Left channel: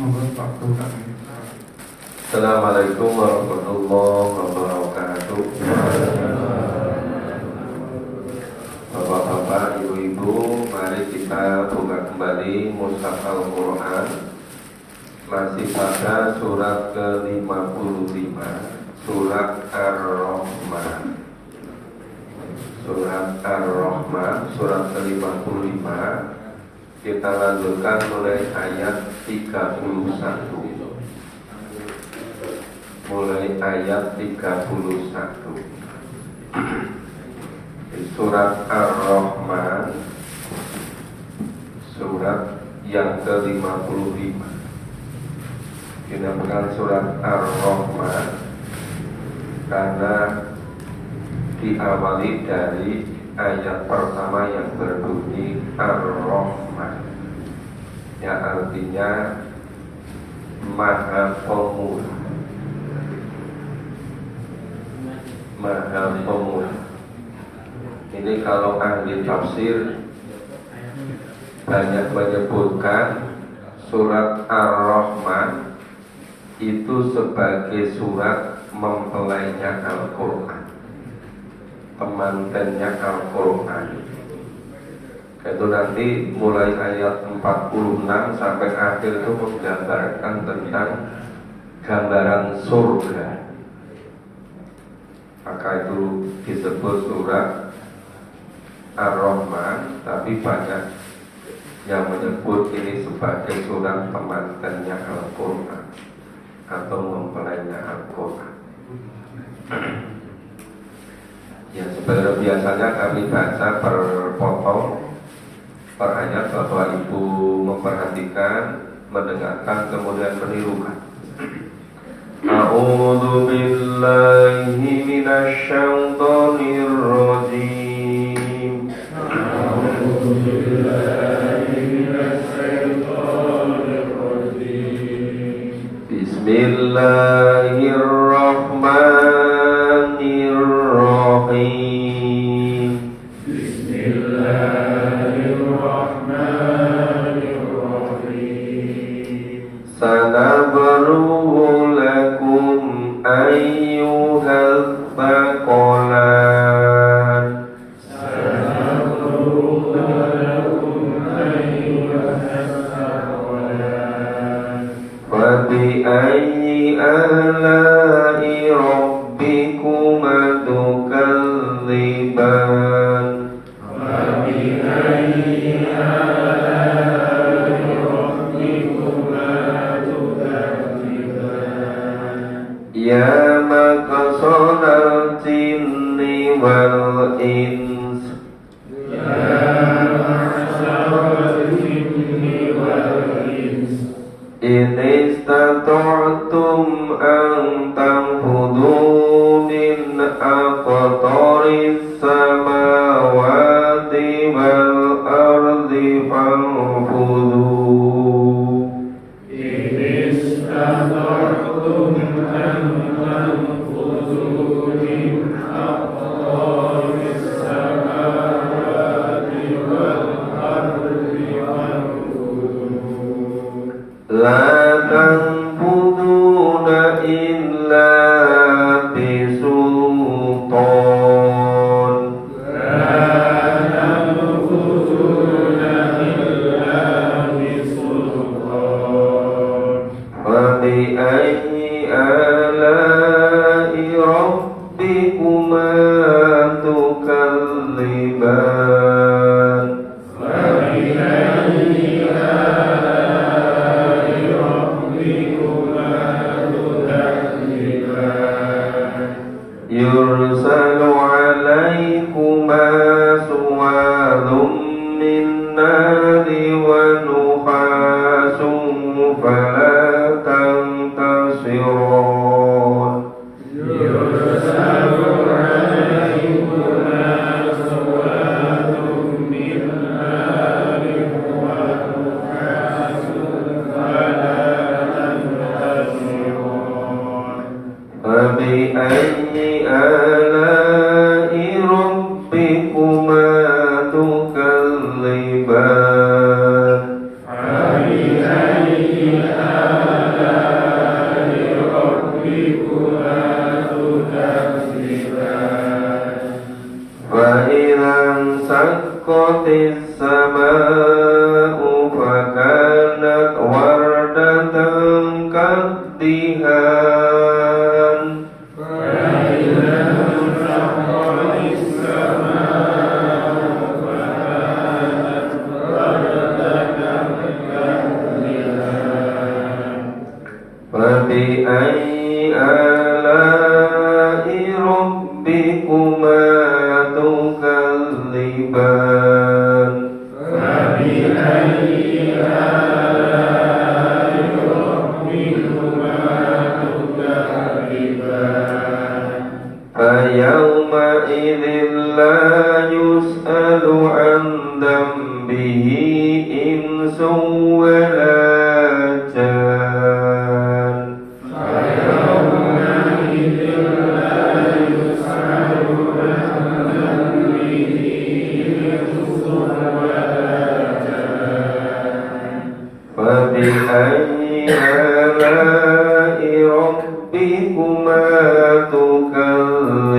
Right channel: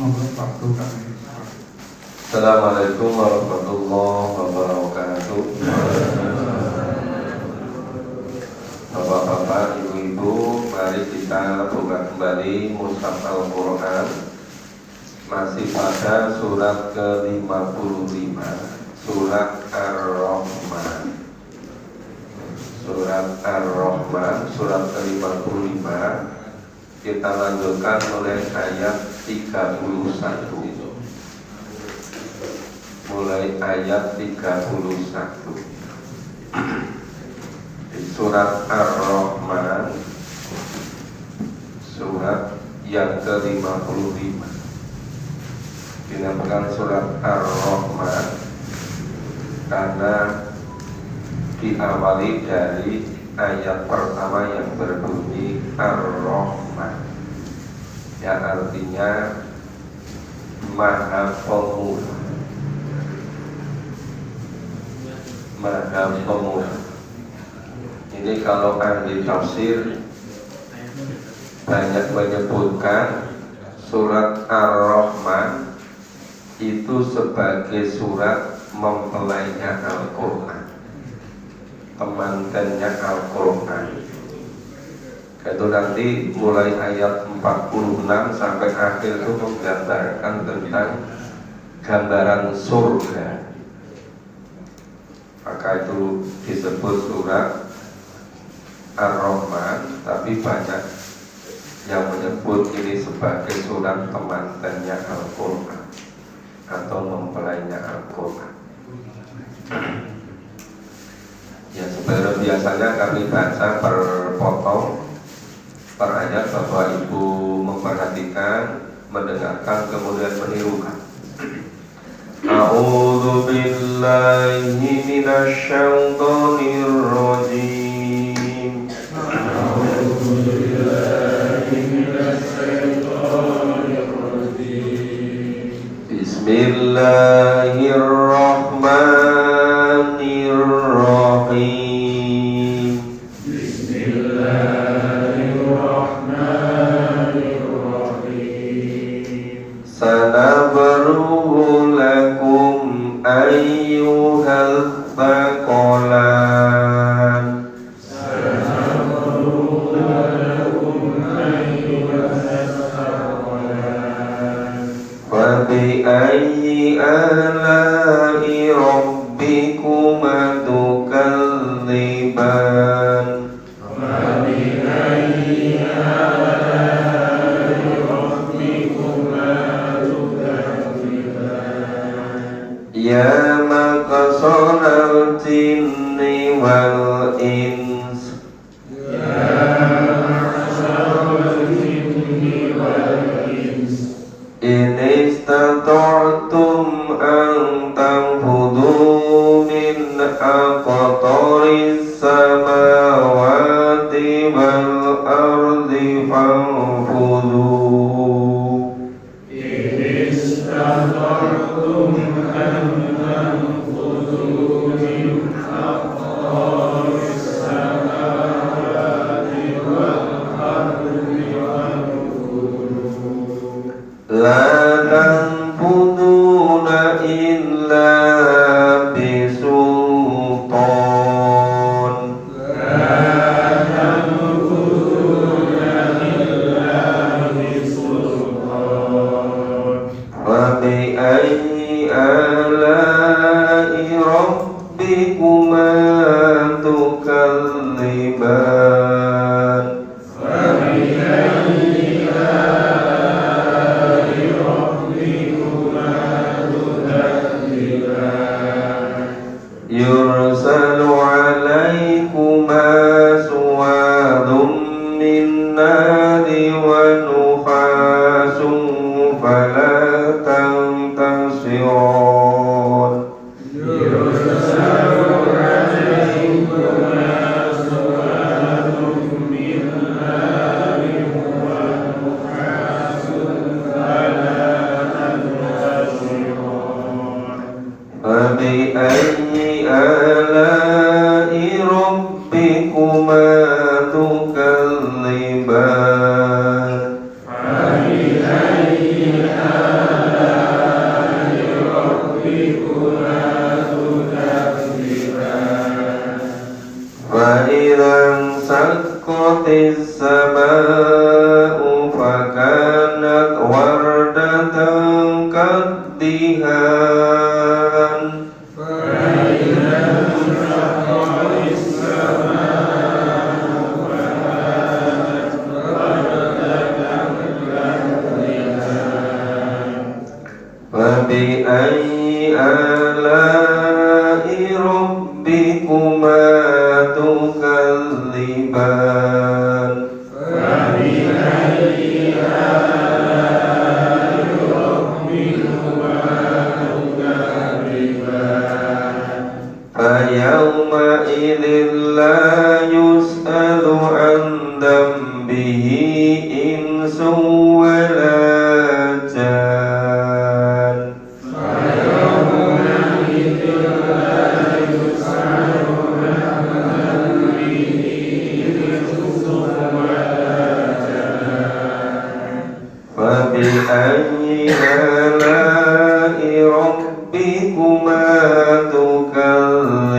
Assalamualaikum warahmatullahi wabarakatuh. Bapak-bapak, ibu-ibu, mari kita buka kembali Mushaf Al-Quran. Masih pada surat ke-55, surat Ar-Rahman. Surat Ar-Rahman, surat ke-55. Kita lanjutkan mulai ayat 31. Mulai ayat 31. Surat Ar-Rahman, surat yang ke-55. Dinamakan surat Ar-Rahman karena diawali dari ayat pertama yang berbunyi Ar-Rahman, yang artinya Maha Pemurah. Maha Pemurah. Ini kalau ahli tafsir banyak menyebutkan surat Ar-Rahman itu sebagai surat mempelainya Al-Quran, temankannya Al-Quran. Itu nanti mulai ayat 46 sampai akhir itu menggambarkan tentang gambaran surga. Maka itu disebut surat Ar-Rahman, tapi banyak yang menyebut ini sebagai surat temankannya Al-Quran atau mempelainya Al-Quran. Ya, seperti biasanya kami baca per potong, per ayat. Bapak Ibu memperhatikan, mendengarkan, kemudian menirukan. A'udzu billahi minasy syaithanir rajim. A'udzu billahi minasy syaithanir rajim. Bismillahirrahmanirrahim. Bismillahirrahmanirrahim. Sanabru lakum ayyuhal thaqalan. Sanabru lakum ayyuhal thaqalan. Wa bi ayyi ala'i rabbikuma tukadziban. Wa bi ayyi ala'i rabbikuma tukadziban. Ya maqsadal jinni wal ins. Ya maqsadal jinni wal ins. In istata'tum an tanfudhu min aqtaris samawati wal ardi fanfudhu. In istata'tum an tanfudhu min aqtaris samawati wal ardi fanfudhu. La tanfuduna illa bisultan. La tanfuduna illa bisultan. Wa bi ayyi ala'i rabbikuma tukadziban. Wa bi ayyi ala'i rabbikuma tukadziban. Yursalu alaikuma suwadun min nari wa nuhasun fala tantasiron. Yursalu alaikuma suwadun min nari wa nuhasun fala tantasiron. Wa bi ayyi ala'i rabbikuma tukadziban. Fa bi ayyi ala'i wardatan kaddihan فبأي آلاء ربكما تكذبان فيومئذ لا يسأل عن ذنبه إنس ولا جان فبأي آلاء ربكما تكذبان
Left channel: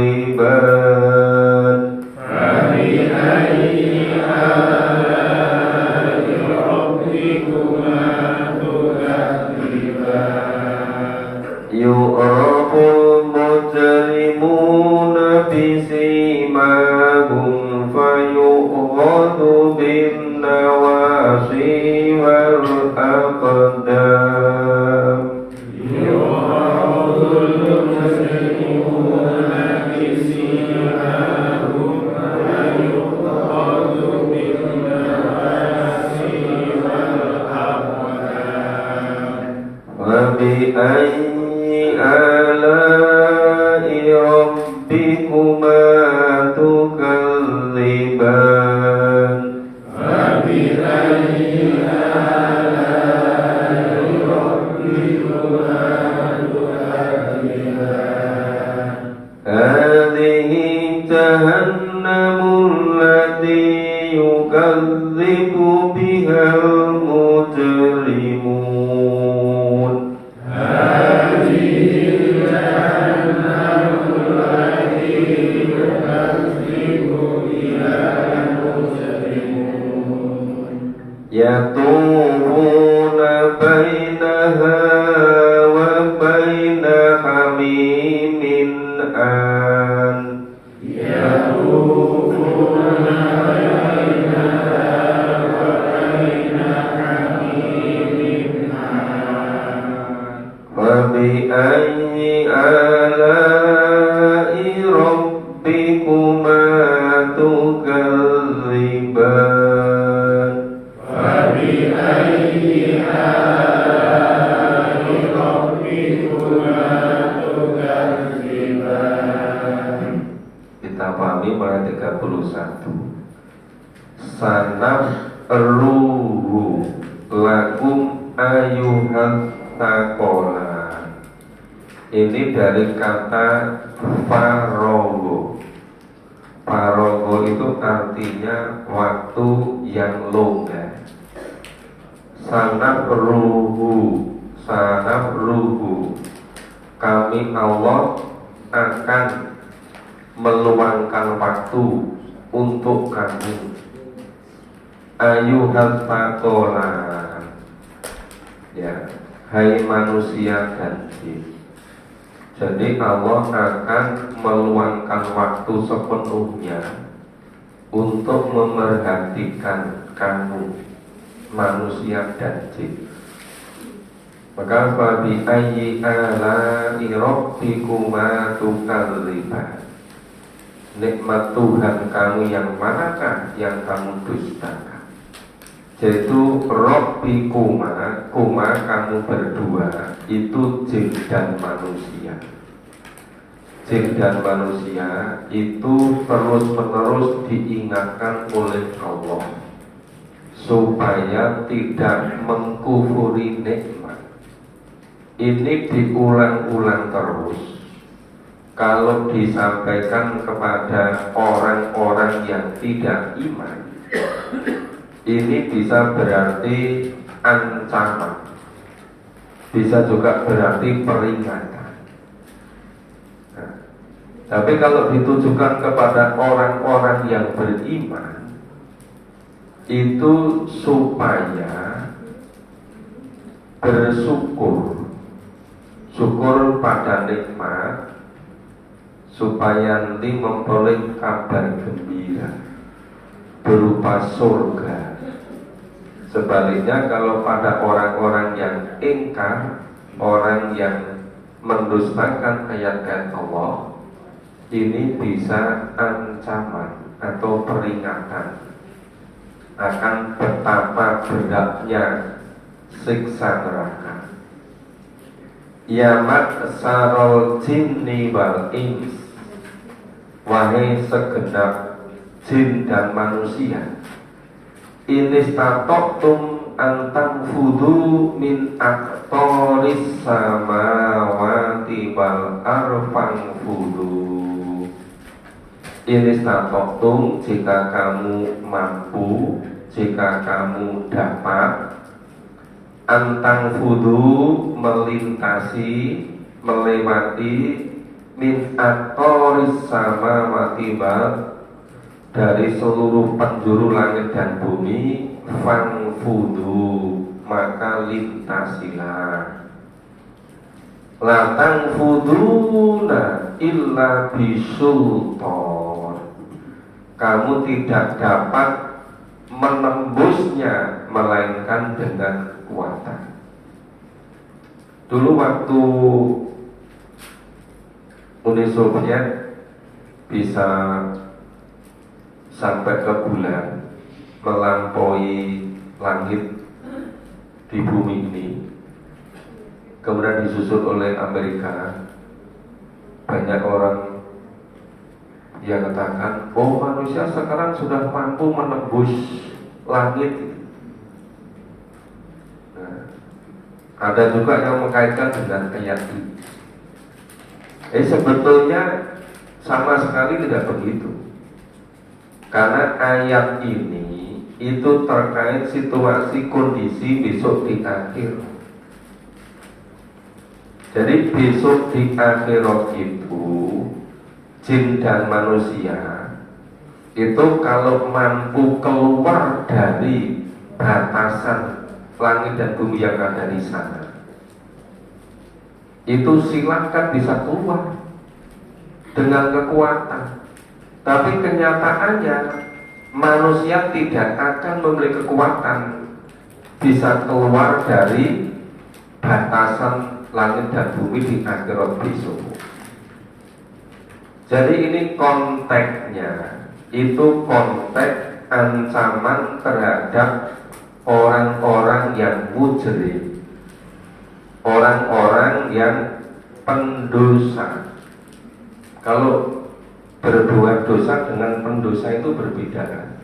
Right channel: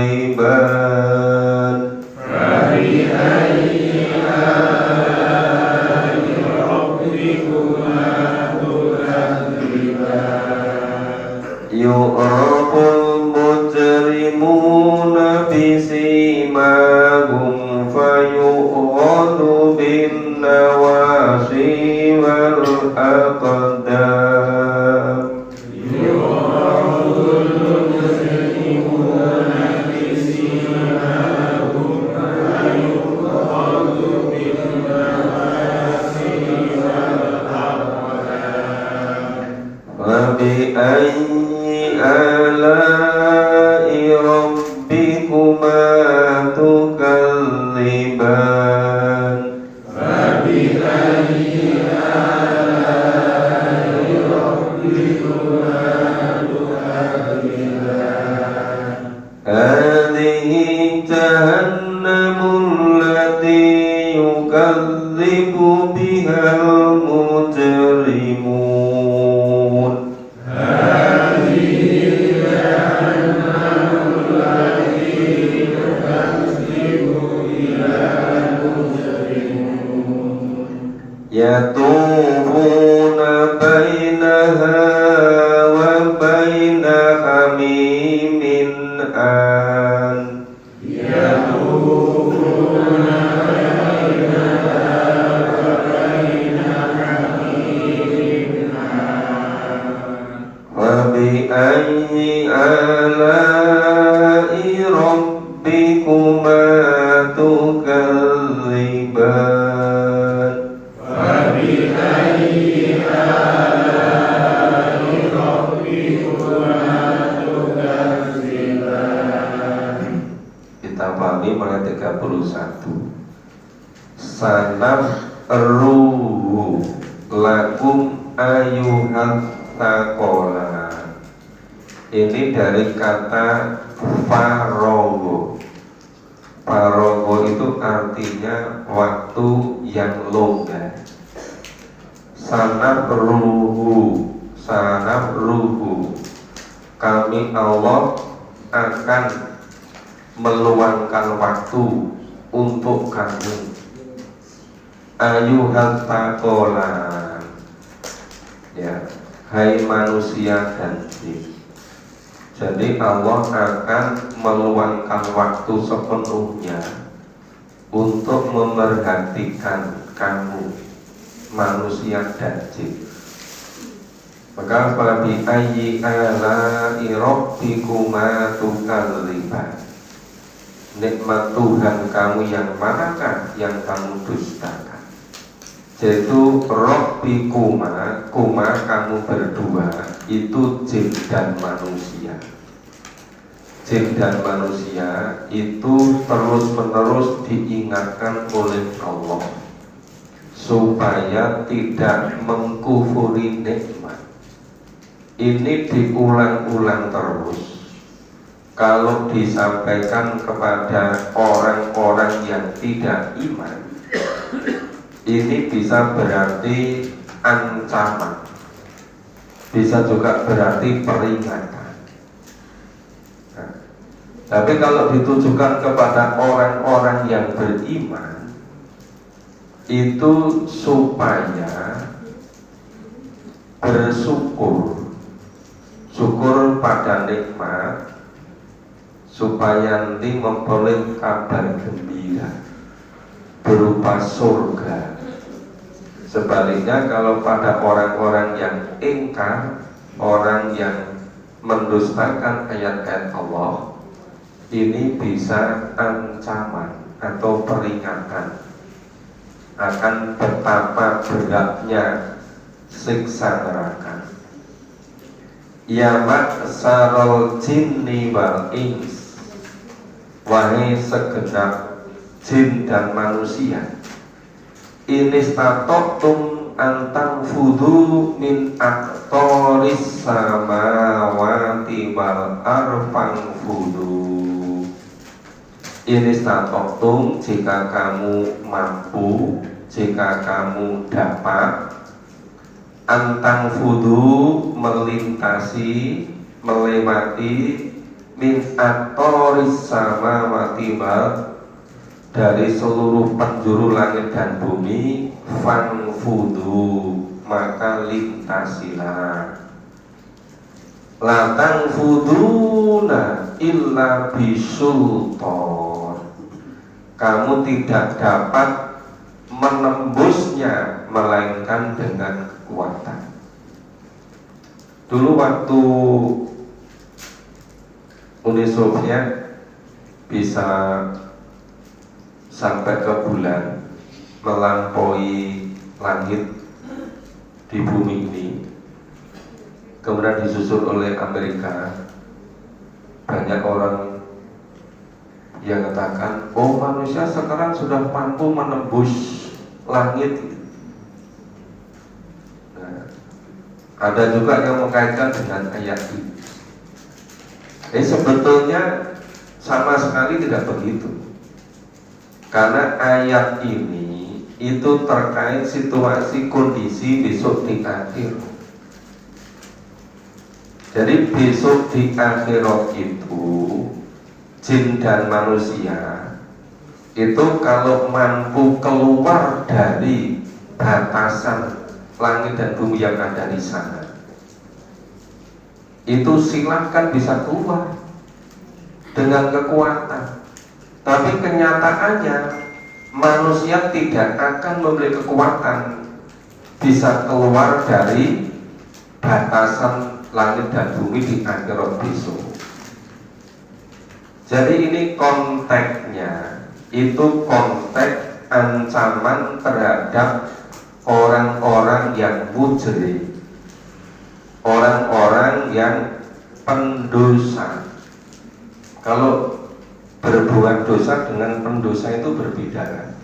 يعرف المجرمون بسيماهم فيؤخذ بالنواصي والأقدام فبأي آلاء ربكما تكذبان هذه جهنم التي يكذب بها المجرمون يطوفون بينها وبين حميم آن فبأي آلاء ربكما تكذبان Kita pahami mulai 31. Sanaf ruhu lakum ayuhan takola. Ini dari kata farogo. Farogo itu artinya waktu yang longgar. Sanaf ruhu, kami Allah akan meluangkan waktu untuk kamu. Ayuhan takola, ya, hai manusia dan jin. Jadi Allah akan meluangkan waktu sepenuhnya untuk memerhatikan kamu, manusia dan jin. Maka fabi ayyi ala'i rabbikuma tukadziban. Nikmat Tuhan kamu yang manakah yang kamu dustakan? Yaitu rabbikuma, kuma kamu berdua, itu jin dan manusia. Jin dan manusia itu terus-menerus diingatkan oleh Allah supaya tidak mengkufuri nikmat. Ini diulang-ulang terus. Kalau disampaikan kepada orang-orang yang tidak iman, ini bisa berarti ancaman, bisa juga berarti peringatan. Nah, tapi kalau ditujukan kepada orang-orang yang beriman, itu supaya bersyukur, syukur pada nikmat, supaya nanti memperoleh kabar gembira berupa surga. Sebaliknya kalau pada orang-orang yang ingkar, orang yang mendustakan ayat-ayat Allah, ini bisa ancaman atau peringatan akan betapa beratnya siksa neraka. Ya maksarul jinni wal ins, wahai segenap jin dan manusia, ini statoktum antang fudu min aktoris samawati wal arfang fudu. Ini statoktum, jika kamu mampu, jika kamu dapat, antang fudu, melintasi, melewati, min aktoris samawati wal, dari seluruh penjuru langit dan bumi, fanfudu, maka lintasilah. La tanfuduna illa bisultan, kamu tidak dapat menembusnya melainkan dengan kekuatan. Dulu waktu Uni Soviet bisa sampai ke bulan, melampaui langit di bumi ini, kemudian disusul oleh Amerika. Banyak orang yang katakan, oh manusia sekarang sudah mampu menembus langit. Nah, ada juga yang mengkaitkan dengan ayat ini. Sebetulnya sama sekali tidak begitu. Karena ayat ini itu terkait situasi kondisi besok di akhir. Jadi besok di akhirat itu jin dan manusia itu kalau mampu keluar dari batasan langit dan bumi yang ada di sana, itu silahkan bisa keluar dengan kekuatan. Tapi kenyataannya manusia tidak akan memiliki kekuatan bisa keluar dari batasan langit dan bumi di akhirat besok. Jadi ini konteksnya, itu konteks ancaman terhadap orang-orang yang mujrim, orang-orang yang pendosa. Kalau berbuat dosa dengan pendosa itu berbeda.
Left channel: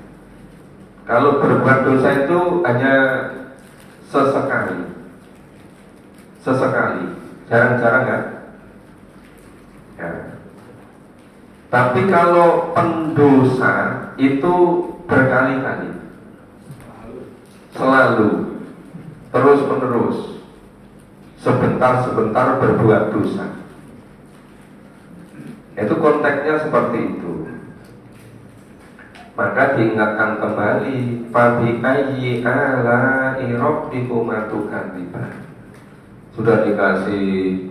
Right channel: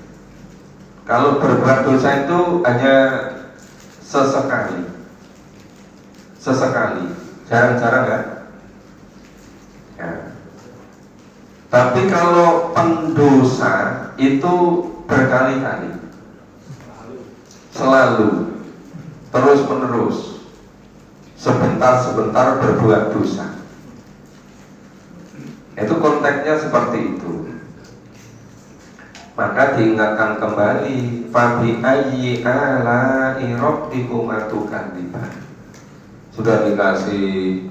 Kalau berbuat dosa itu hanya sesekali, jarang-jarang kan? Ya. Tapi kalau pendosa itu berkali-kali, selalu, terus-menerus, sebentar-sebentar berbuat dosa. Itu konteksnya seperti itu. Maka diingatkan kembali, fabi ayyi ala'i rabbikuma tukadziban. Sudah dikasih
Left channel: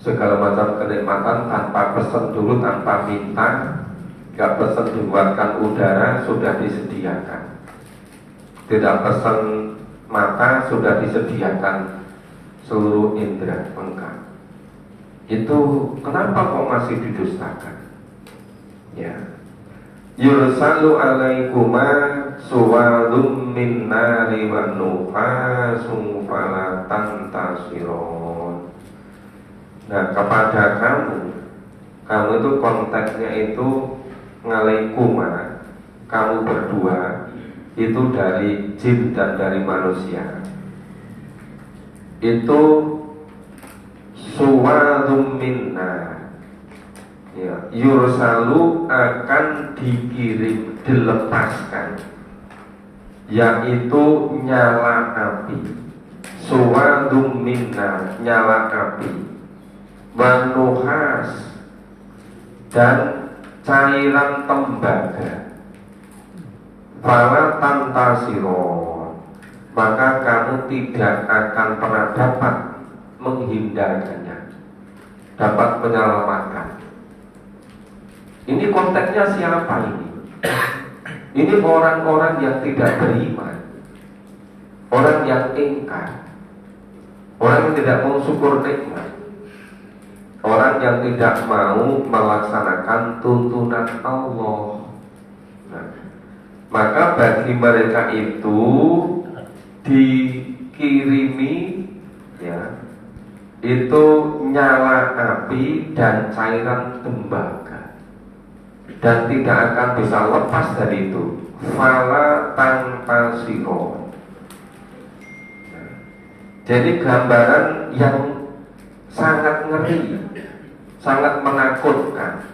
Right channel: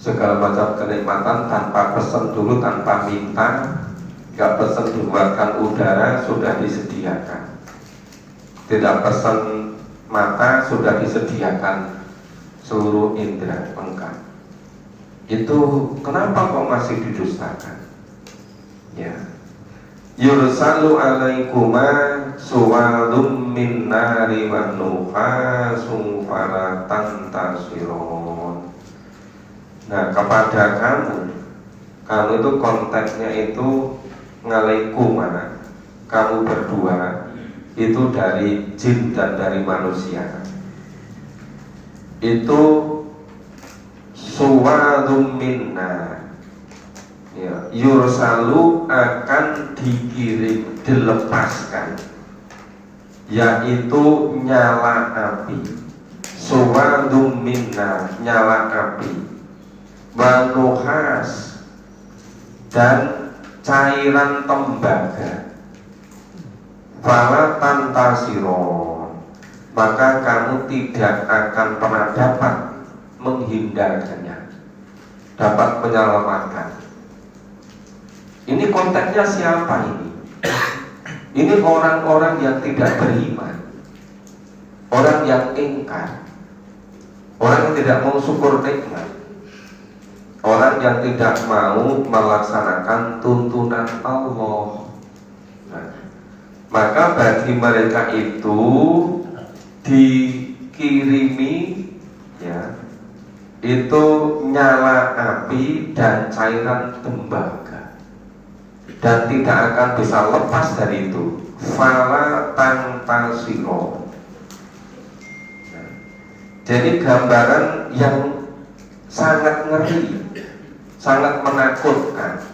segala macam kenikmatan tanpa pesan dulu, tanpa minta, gak pesan dibuatkan udara, sudah disediakan. Tidak pesan mata, sudah disediakan seluruh indera lengkap. Itu kenapa kok masih didustakan? Ya. Yursalu alaikuma suwadun min nari wa nuhasun fala tantasiron. Nah, kepada kamu itu konteksnya itu ngalaikuma, kamu berdua itu dari jin dan dari manusia. Itu suwadun minna, ya, yursalu akan dikirim, dilepaskan, yaitu nyala api. Suwadun minna, nyala api, wanuhas, dan cairan tembaga. Fala tantasiron, maka kamu tidak akan pernah dapat menghindarkannya, dapat menyelamatkan. Ini konteksnya siapa ini? Ini orang-orang yang tidak beriman, orang yang ingkar, orang yang tidak mau syukur nikmat, orang yang tidak mau melaksanakan tuntunan Allah. Nah, maka bagi mereka itu dikirimi ya, itu nyala api dan cairan tembaga, dan tidak akan bisa lepas dari itu. Fala tanpa siro. Jadi gambaran yang sangat ngeri, sangat menakutkan.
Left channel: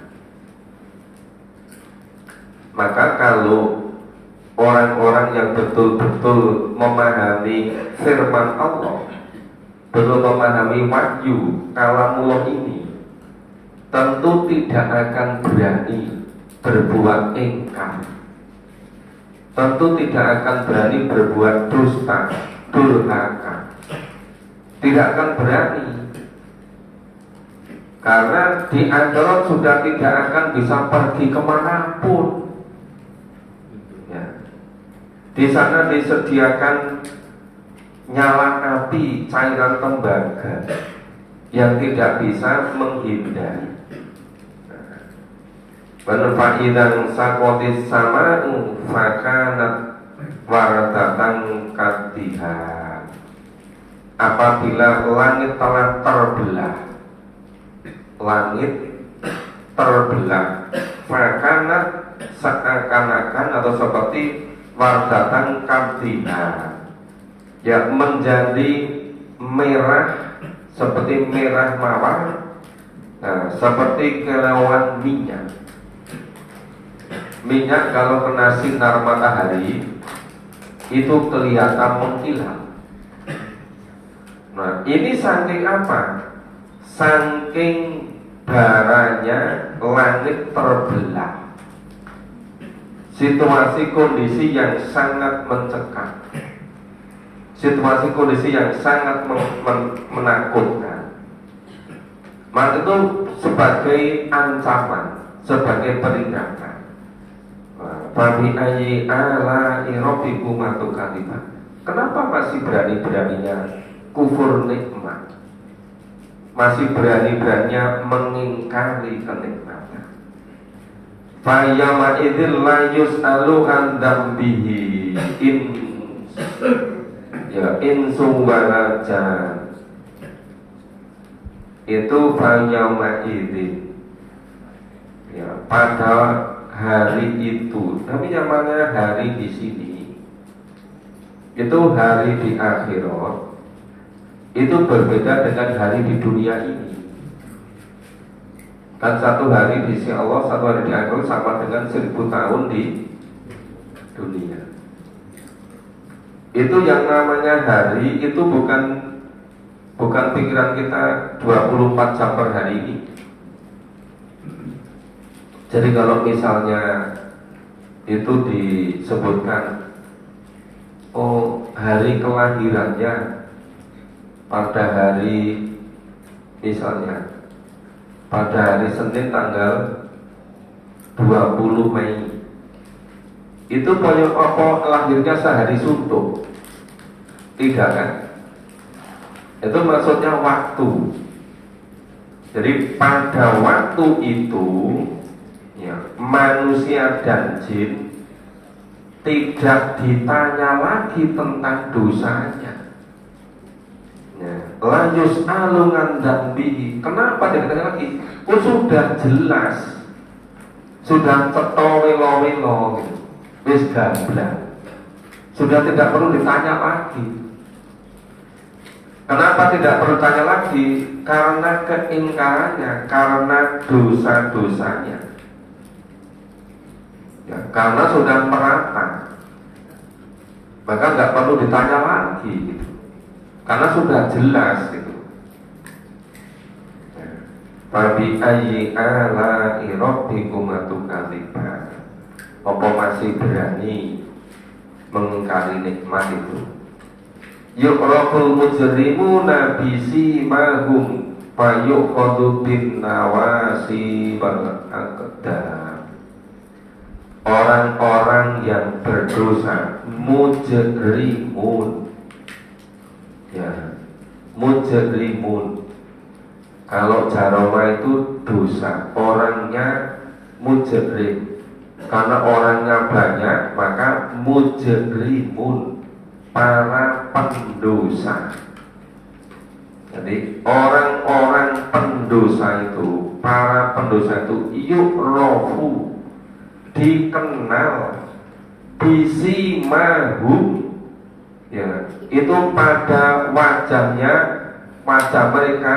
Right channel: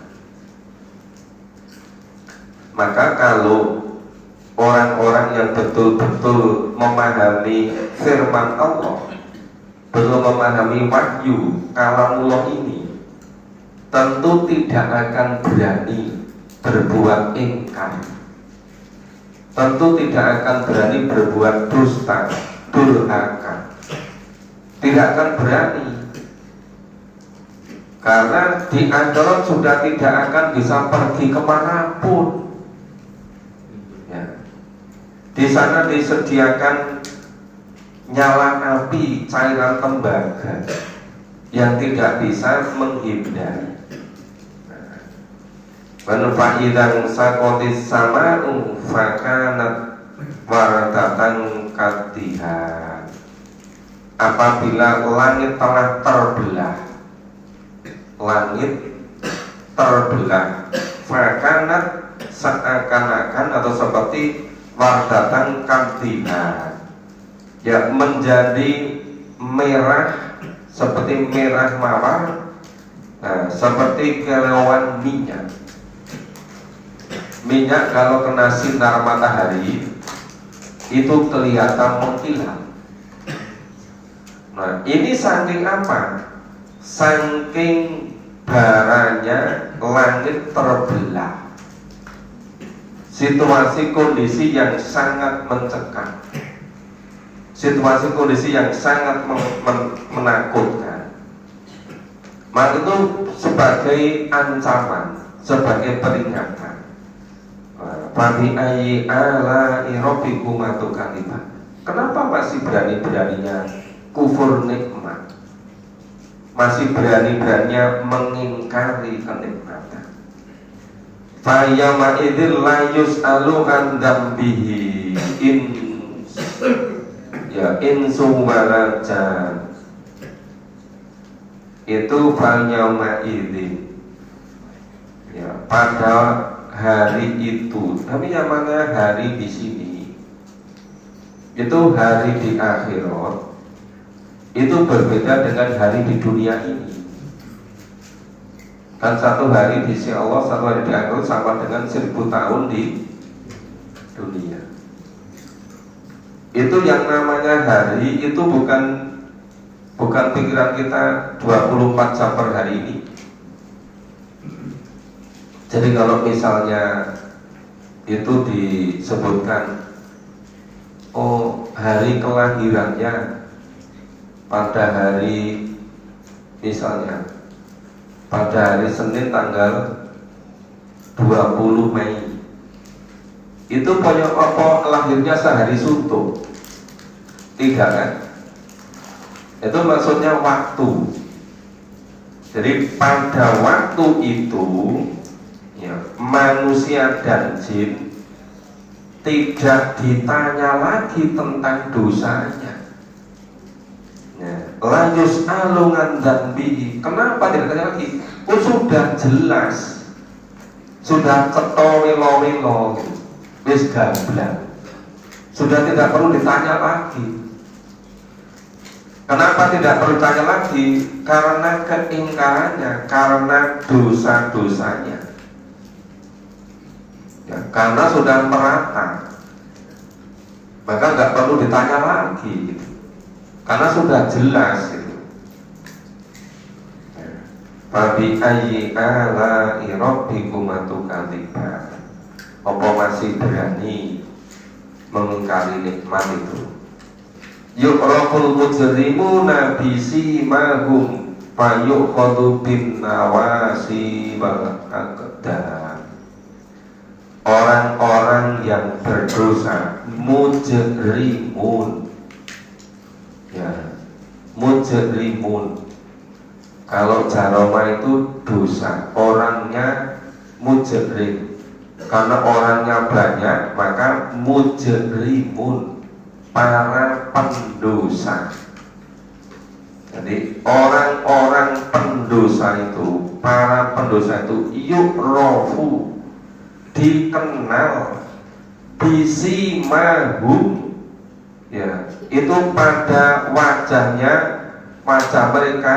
Maka kalau orang-orang yang betul-betul memahami firman Allah, belum memahami wahyu kalamullah ini, tentu tidak akan berani berbuat ingkar, tentu tidak akan berani berbuat dusta, durhaka, tidak akan berani, karena di akhirat sudah tidak akan bisa pergi kemanapun. Ya. Di sana disediakan nyala api, cairan tembaga yang tidak bisa menghindari. Fa'idang sakotis sama'u fakanat waradatan katiha. Apabila langit telah terbelah, langit terbelah, fakanat seakan-akan atau seperti waradatan katiha, ya menjadi merah, seperti merah mawar, nah, seperti kilauan minyak. Minyak kalau kena sinar matahari itu kelihatan mengkilat. Nah, ini saking apa? Saking baranya langit terbelah. Situasi kondisi yang sangat mencekam, situasi kondisi yang sangat menakutkan. Maka itu sebagai ancaman, sebagai peringatan. Bagi ayi ala irobikum atukatiba. Kenapa masih berani-beraninya kufur nikmat, masih berani-beraninya mengingkari kenikmatan? Fayama idil layus alu andambihi in ya insum warajan. Itu fayama idil ya, pada hari itu. Tapi yang mana hari di sini? Itu hari di akhirat. Itu berbeda dengan hari di dunia ini. Kan satu hari di sisi Allah, satu hari di akhirat sama dengan 1000 tahun di dunia. Itu yang namanya hari itu bukan pikiran kita 24 jam per hari ini. Jadi kalau misalnya itu disebutkan, oh hari kelahirannya pada hari, misalnya pada hari Senin tanggal 20 Mei, itu pokok lahirnya sehari suntuk, tidak kan? Itu maksudnya waktu. Jadi pada waktu itu ya, manusia dan jin tidak ditanya lagi tentang dosanya. Ya, layus alungan dan bihi. Kenapa tidak ditanya lagi? Oh, sudah jelas, sudah cetowilo-wilo, wis gamblang, sudah tidak perlu ditanya lagi. Kenapa tidak perlu ditanya lagi? Karena keingkarannya, karena dosa-dosanya. Ya, karena sudah merata, maka nggak perlu ditanya lagi, gitu. Karena sudah jelas gitu. Fabi ayyi ala'i rabbikum atukadzibun. Apa masih berani mengingkari nikmat itu? yu'raful mujrimuna bisimahum fayuqadu bin nawasi wal aqdam. Orang-orang yang berdosa, mujrimun, ya, mujrimun. Kalau jaroma itu dosa, orangnya mujrim. Karena orangnya banyak, maka mujrimun, para pendosa. Jadi orang-orang pendosa itu, para pendosa itu yu'rafu, dikenal, bisimahum, ya, itu pada wajahnya, wajah mereka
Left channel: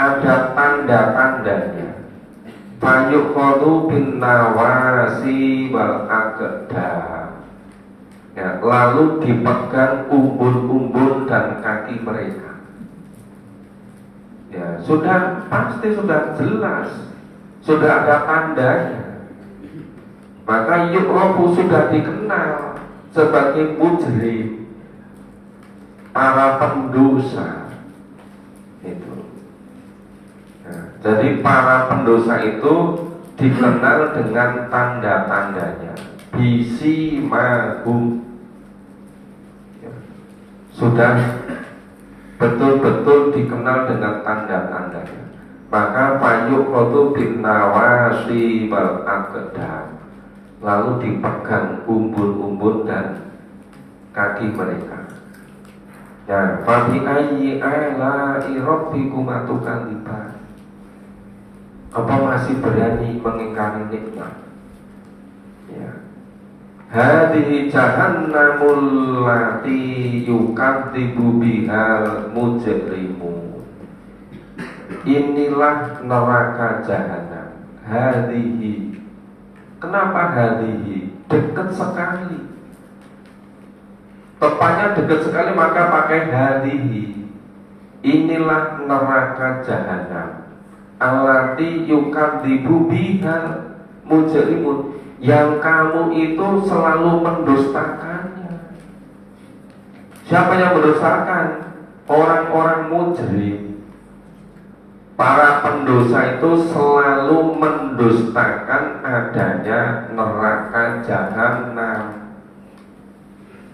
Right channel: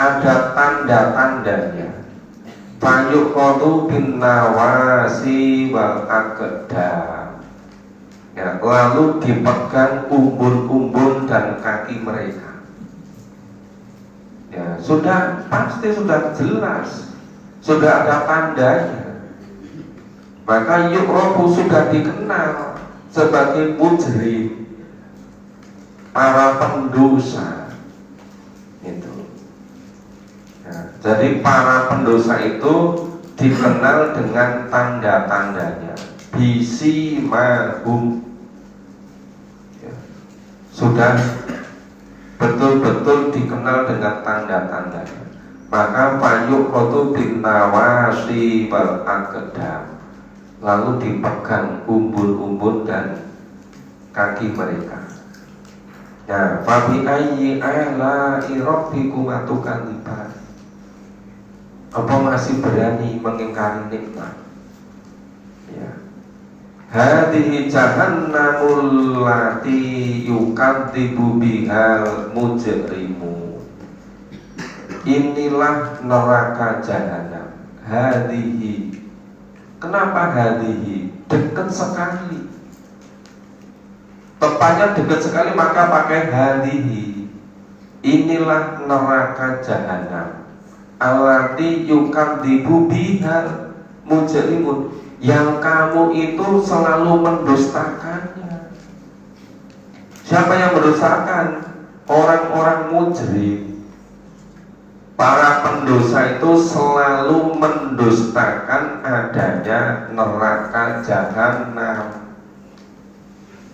ada tanda-tandanya. Fayuqadu bin nawasi wal aqdam, ya, lalu dipegang umbul-umbul dan kaki mereka. Ya, sudah pasti, sudah jelas, sudah ada tandanya. Maka yu'rafu sudah dikenal sebagai mujrim, para pendosa itu. Nah, jadi para pendosa itu dikenal dengan tanda-tandanya, bisimahum, ya, sudah betul-betul dikenal dengan tanda-tandanya. Maka fayuqadu bin nawasi wal aqdam, lalu dipegang umbul-umbul dan kaki mereka. Ya, fa bi ayyi ala'i rabbikuma tukadziban. Apa masih berani mengingkari nikmat? Ya. Hadhihi jahannamul lati yukadzibu bihal mujrimu. Inilah neraka jahanam. Hadhihi. Kenapa hadhihi? Dekat sekali. Tepatnya dekat sekali, maka pakai hadhihi. Inilah neraka jahanam. Allati yukadzibu bihal mujrimun, yang kamu itu selalu mendustakannya. Siapa yang mendustakan? Orang-orang mujrim. Para pendosa itu selalu mendustakan adanya neraka jahanam.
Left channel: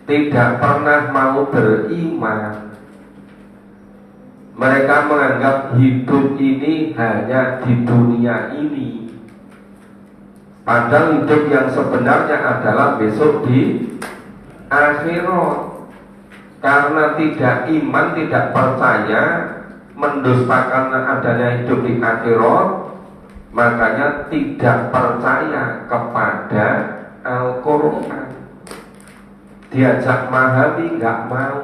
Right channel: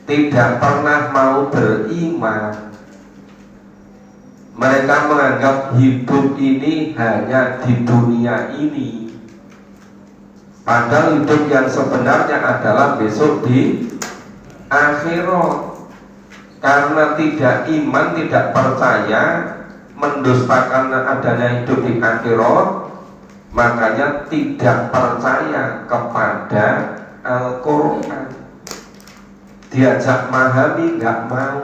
Tidak pernah mau beriman. Mereka menganggap hidup ini hanya di dunia ini, padahal hidup yang sebenarnya adalah besok di akhirat. Karena tidak iman, tidak percaya, mendustakan adanya hidup di akhirat, makanya tidak percaya kepada Al-Quran. Diajak memahami nggak mau,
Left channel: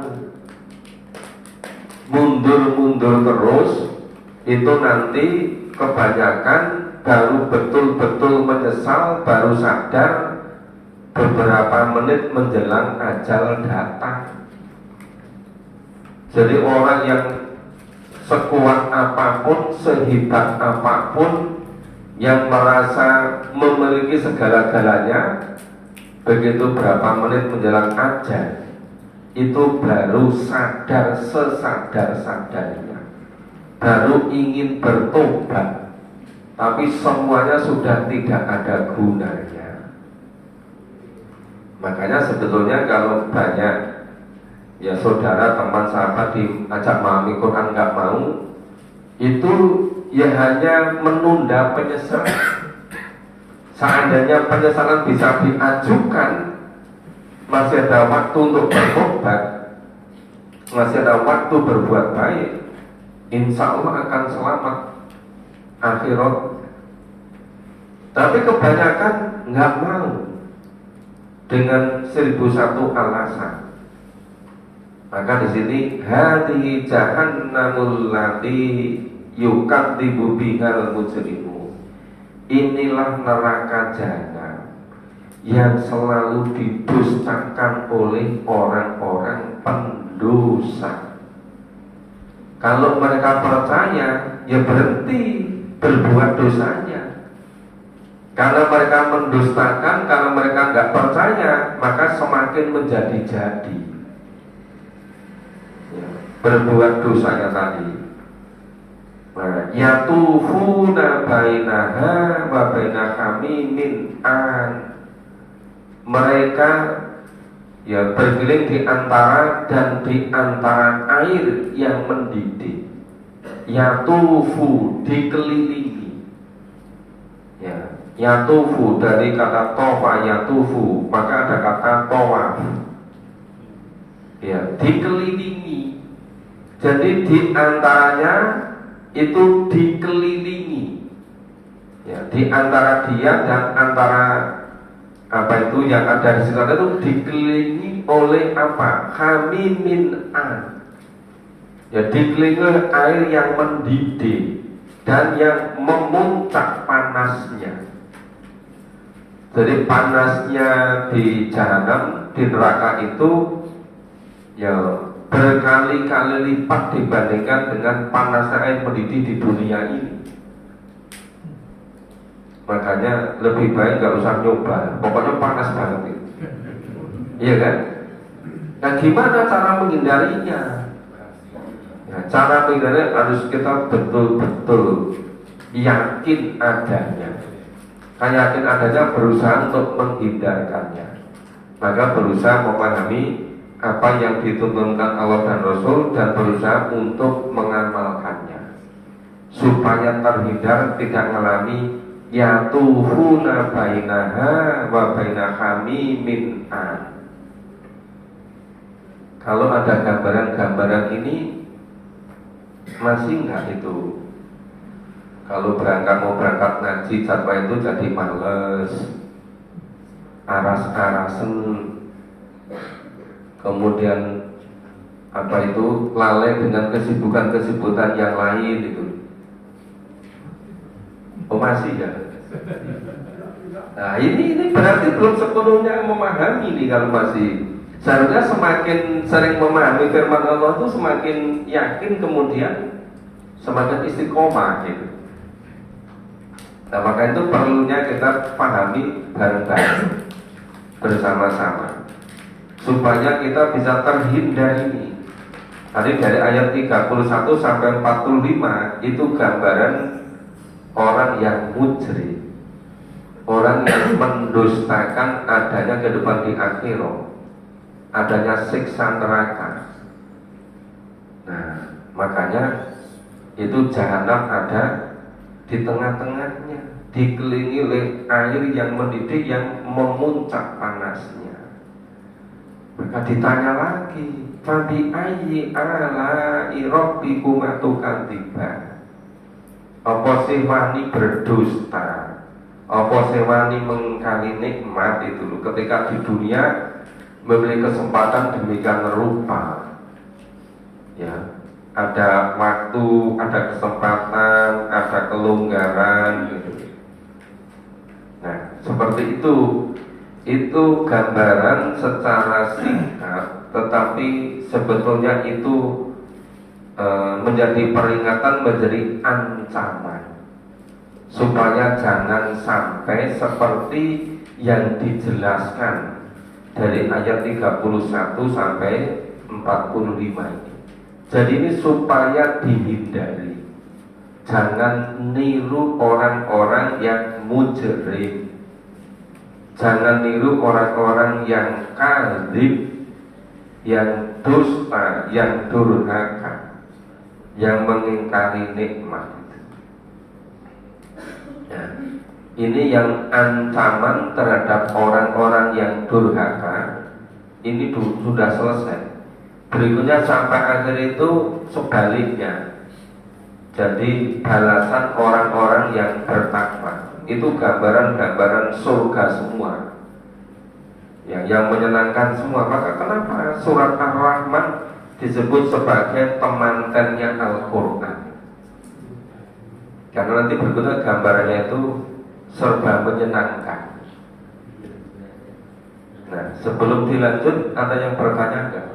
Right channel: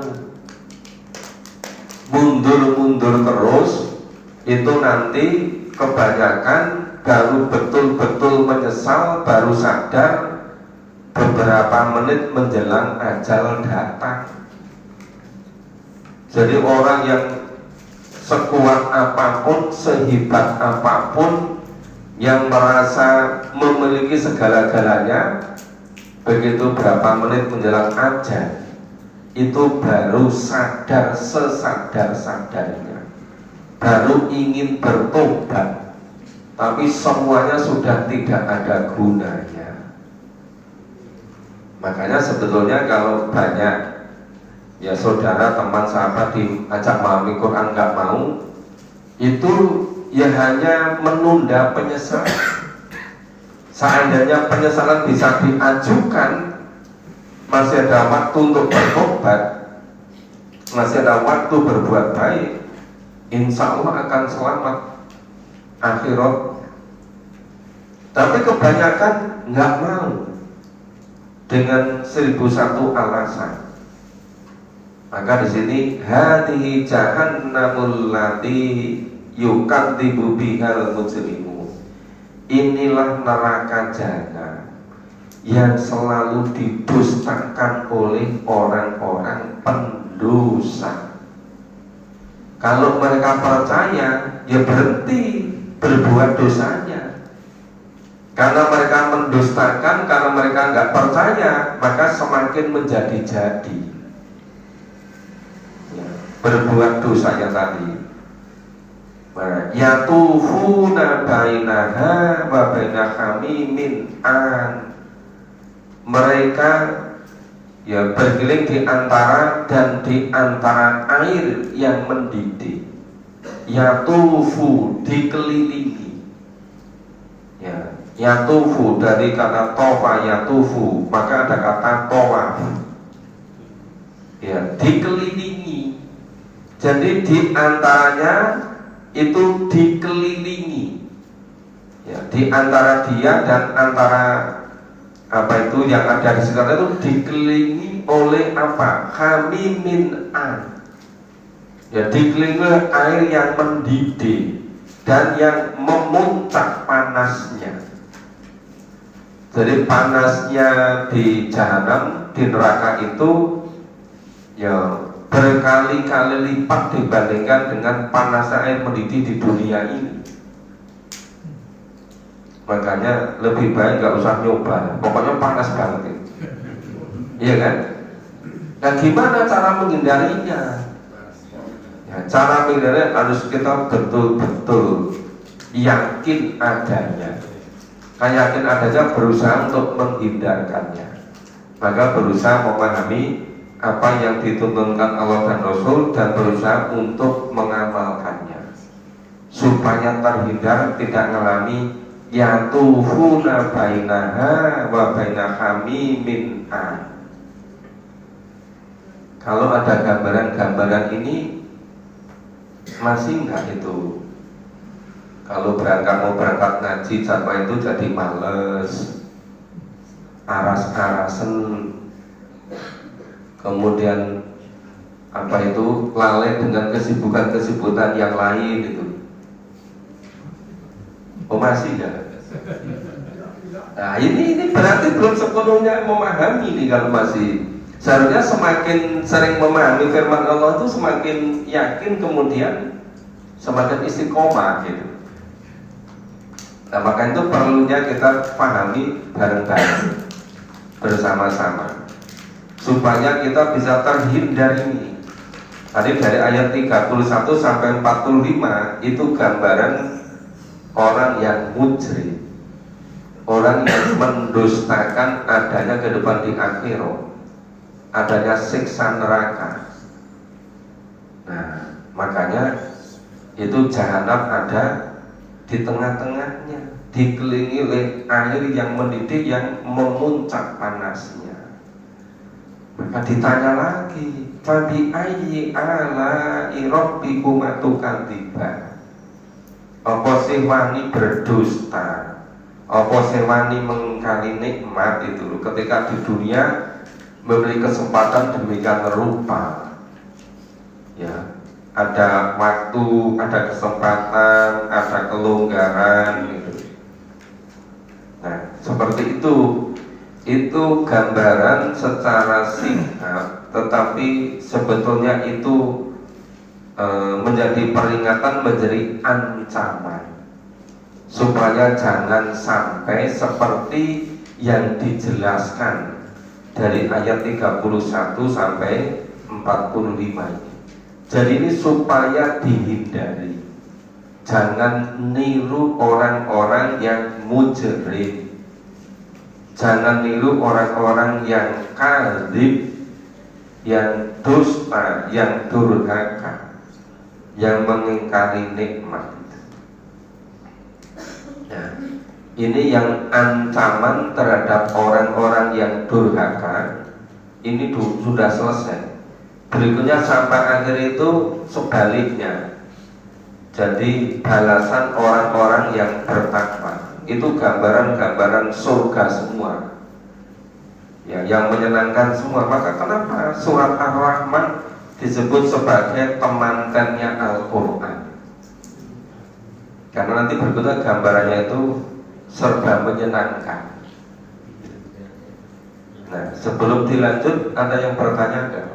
mundur-mundur terus. Itu nanti kebanyakan baru betul-betul menyesal, baru sadar beberapa menit menjelang ajal datang. Jadi orang yang sekuat apapun, sehebat apapun, yang merasa memiliki segala-galanya, begitu berapa menit menjelang ajal, itu baru sadar sesadar-sadarnya, baru ingin bertobat, tapi semuanya sudah tidak ada gunanya. Makanya sebetulnya kalau banyak ya saudara, teman, sahabat diajak memahami Quran nggak mau, itu ya hanya menunda penyesalan. Seandainya penyesalan bisa diajukan, masih ada waktu untuk bertobat, masih ada waktu berbuat baik, insya Allah akan selamat akhirat. Tapi kebanyakan nggak mau, dengan 1001 alasan. Maka di sini hadhihi jahannamul lati yukadzibu bihal mujrimu. Inilah neraka jahanam yang selalu didustakan oleh orang-orang pendosa. Kalau mereka percaya, ya berhenti berbuat dosanya. Karena mereka mendustakan, karena mereka nggak percaya, maka semakin menjadi-jadi. ya, berbuat dosanya tadi. Nah, yatufuna bainaha wa baina hamimin an, mereka ya berkeliling di antara dan di antara air yang mendidih. Yatufu, dikelilingi. Ya, yatufu dari kata tofa, yatufu, maka ada kata tawaf. Ya, dikelilingi. Jadi di antaranya itu dikelilingi. Ya, di antara dia dan antara apa itu yang ada di sekitar itu dikelilingi oleh apa? Hamimin an. Ya, dikelilingi air yang mendidih dan yang memuncak panasnya. Jadi panasnya di jahanam, di neraka itu ya berkali-kali lipat dibandingkan dengan panasnya air mendidih di dunia ini. Makanya lebih baik nggak usah nyoba, pokoknya panas banget itu. Iya kan? Nah, gimana cara menghindarinya? Ya, cara menghindarinya harus kita betul-betul yakin adanya. Nah, yakin adanya berusaha untuk menghindarkannya. Maka berusaha memahami apa yang dituntunkan Allah dan Rasul dan berusaha untuk mengamalkannya supaya terhindar tidak mengalami yatufuna bainaha wa baina hamimin an. Kalau ada gambaran-gambaran ini masih enggak itu? Kalau mau berangkat ngaji jadwal itu jadi males, aras-arasen, kemudian apa itu lalai dengan kesibukan-kesibukan yang lain itu. Oh masih ya? Nah ini berarti belum sepenuhnya memahami nih kalau masih. Seharusnya semakin sering memahami firman Allah itu semakin yakin, kemudian semakin istiqomah gitu. Nah maka itu perlunya kita pahami bareng-bareng bersama-sama supaya kita bisa terhindar ini. Tadi dari ayat 31 sampai 45 itu gambaran orang yang mujrim, orang yang mendustakan adanya kehidupan di akhirat, adanya siksa neraka. Nah, makanya itu jahanam ada di tengah-tengahnya, dikelilingi oleh air yang mendidih yang memuncak panasnya. Maka ditanya lagi, fabi ayyi ala'i rabbikuma tukadziban. Apa sih wani berdusta? Apa sih wani mengingkari nikmat itu loh. Ketika di dunia memberi kesempatan demikian rupa, ya ada waktu, ada kesempatan, ada kelonggaran gitu. Nah seperti itu gambaran secara singkat, tetapi sebetulnya itu menjadi peringatan, menjadi ancaman supaya jangan sampai seperti yang dijelaskan dari ayat 31 sampai 45 ini. Jadi ini supaya dihindari, jangan niru orang-orang yang mujrim, jangan niru orang-orang yang kadzib, yang dusta, yang durhaka, yang mengingkari nikmat. Ya, ini yang ancaman terhadap orang-orang yang durhaka ini sudah selesai. Berikutnya sampai akhir itu sebaliknya. Jadi balasan orang-orang yang bertakwa itu gambaran-gambaran surga semua, ya, yang menyenangkan semua. Maka kenapa surat Ar-Rahman disebut sebagai temankannya Al-Quran? Karena nanti berikutnya gambarannya itu serba menyenangkan. Nah, sebelum dilanjut ada yang bertanya enggak?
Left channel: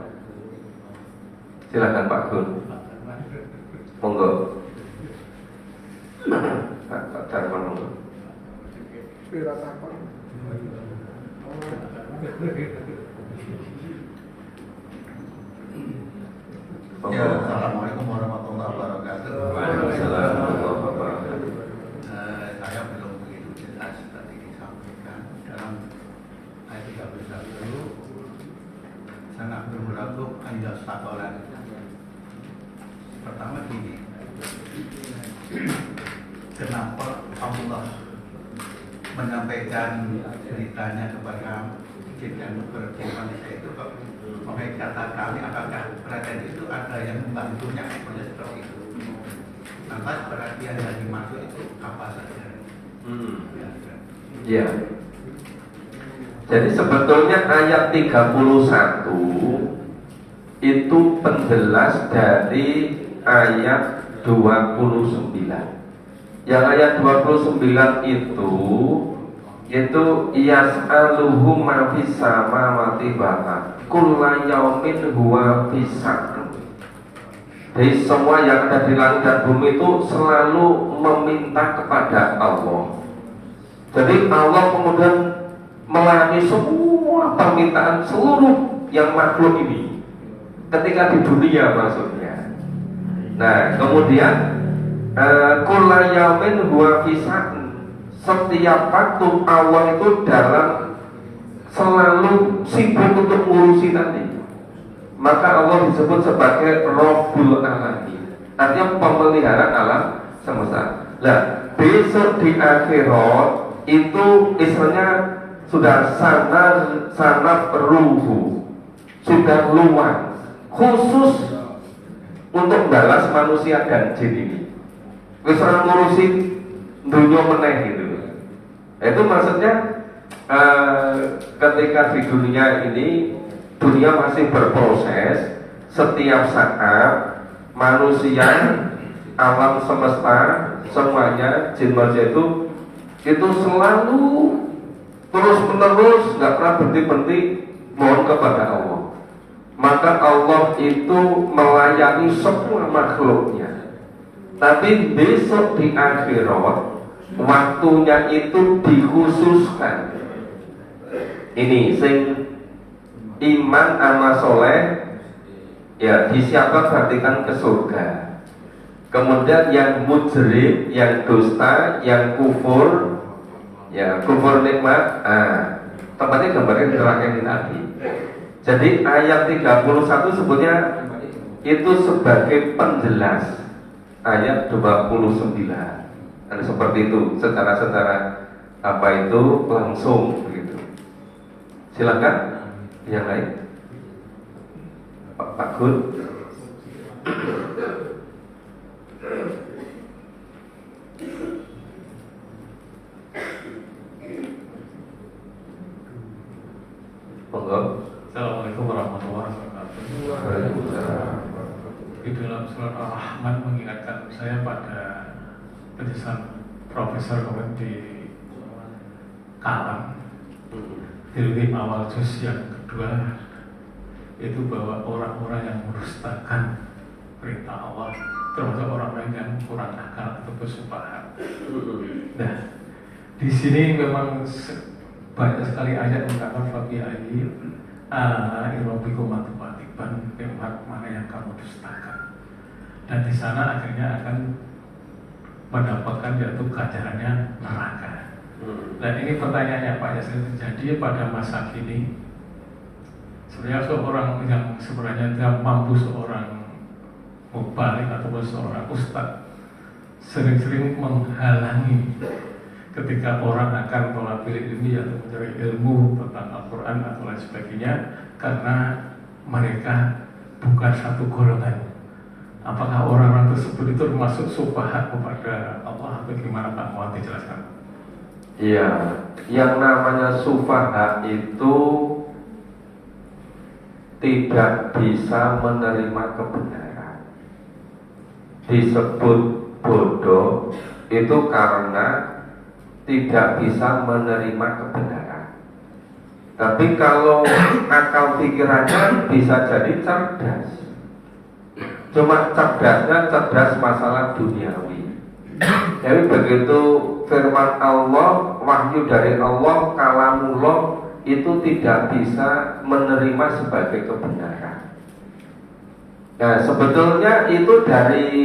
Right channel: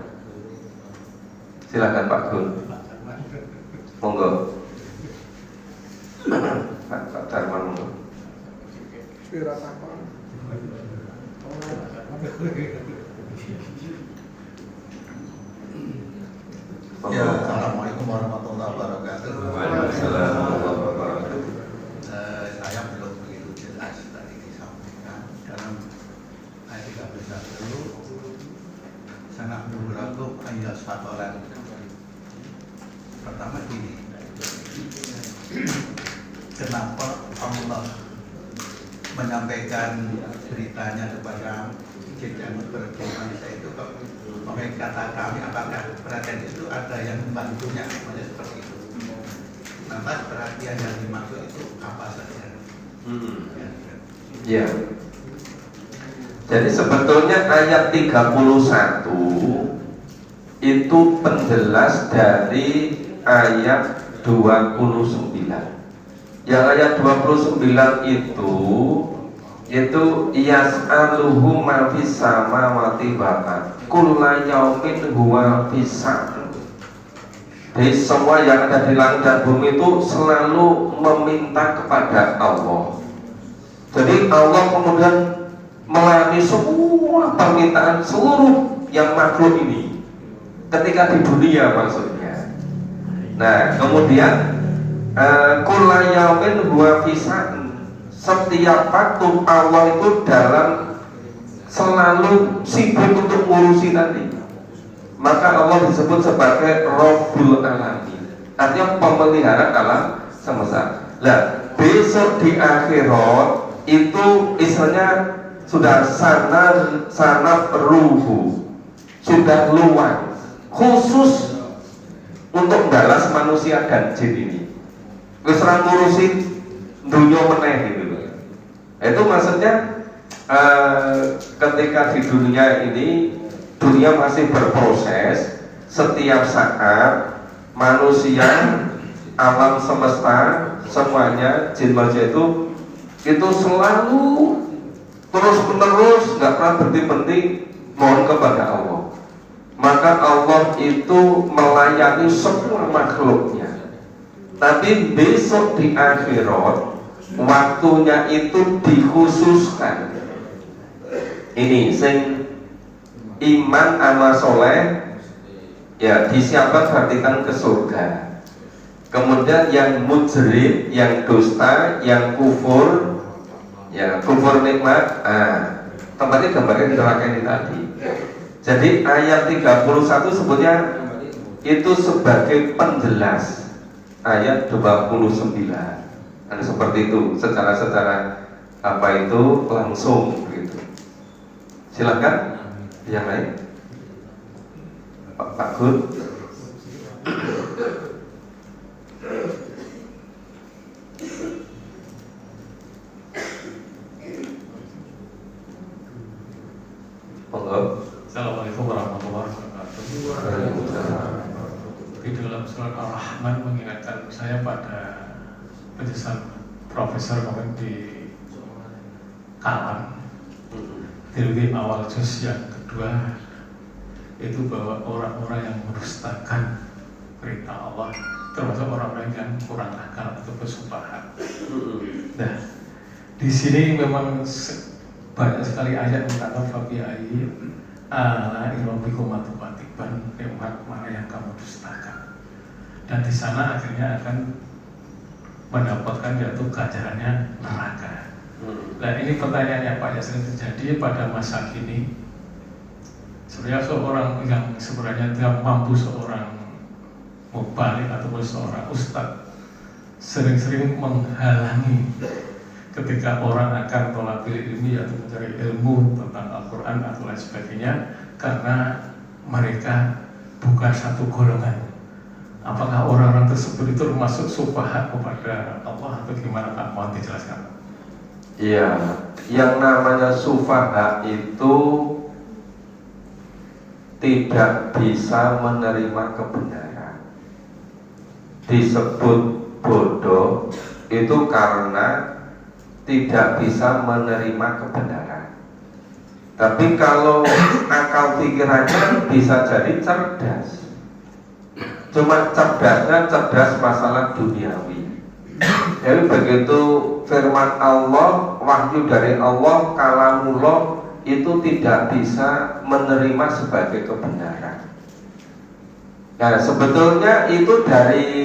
Silakan Pak Gun. Monggo. Pak Darman monggo. menyampaikan beritanya kepada jin dan jin manusia itu kok mereka kata kami apakah perhatian itu ada yang membantunya seperti itu. Lantas perhatian yang dimaksud itu apa saja? Ya. Jadi sebetulnya ayat 31 itu penjelas dari ayat 29. Yang ayat 29 itu yas'aluhu ma fis samawati wal ardh kullu yaumin huwa fisa'an. Jadi semua yang ada di langit dan bumi itu selalu meminta kepada Allah. Jadi Allah kemudian melayani semua permintaan seluruh yang makhluk ini ketika di dunia maksudnya. Nah kemudian kullu yaumin huwa fisa'an, setiap waktu Allah itu dalam selalu sibuk untuk ngurusi tadi. Maka Allah disebut sebagai Rabbul Alamin, artinya pemelihara alam semesta. Nah besok di akhirat itu istilahnya sudah sangat ruhu, sudah luas khusus untuk balas manusia dan jin ini. Wis ora ngurusi dunia meneh gitu. Itu maksudnya ketika di dunia ini dunia masih berproses, setiap saat manusia, alam semesta, semuanya jin manusia itu selalu terus menerus nggak pernah berhenti mohon kepada Allah. Maka Allah itu melayani semua makhluknya. Tapi besok di akhirat waktunya itu dikhususkan. Ini sing iman sama soleh ya disiapkan berartikan ke surga. Kemudian yang mujrim, yang dusta, yang kufur, ya kufur nikmat, tempatnya gambarnya neraka ini tadi. Jadi ayat 31 sebetulnya itu sebagai penjelas ayat 29. Dan seperti itu secara apa itu langsung begitu. Silakan yang lain. Pak Gun. Assalamualaikum warahmatullahi wabarakatuh. Di dalam surat Ar-Rahman mengingatkan saya pada tulisan Profesor Mohamed di Kalam di awal juz yang kedua itu bahwa orang-orang yang merustakan perintah Allah termasuk orang-orang yang kurang akal atau bersubahat. Nah, di sini memang banyak sekali ayat mengatakan fabi'ayyi ala'i rabbikum tukadziban, umat mana yang kamu dustakan. Dan di sana akhirnya akan mendapatkan yaitu ganjarannya neraka. Dan ini pertanyaannya Pak, yang sering terjadi pada masa kini. Sebenarnya seorang yang sebenarnya tidak mampu, seorang mubalik ataupun seorang ustadz sering-sering menghalangi ketika orang akan tolabul ilmi atau mencari ilmu tentang Al-Quran atau lain sebagainya, karena mereka bukan satu golongan. Apakah orang-orang tersebut itu termasuk sufahat kepada Allah atau gimana Pak? Mohon dijelaskan. Iya, yang namanya sufahat itu tidak bisa menerima kebenaran. Disebut bodoh itu karena tidak bisa menerima kebenaran. Tapi kalau akal pikirannya bisa jadi cerdas. Cuma cerdasnya cerdas masalah duniawi. Jadi begitu firman Allah, wahyu dari Allah, kalamullah itu tidak bisa menerima sebagai kebenaran. Nah sebetulnya itu dari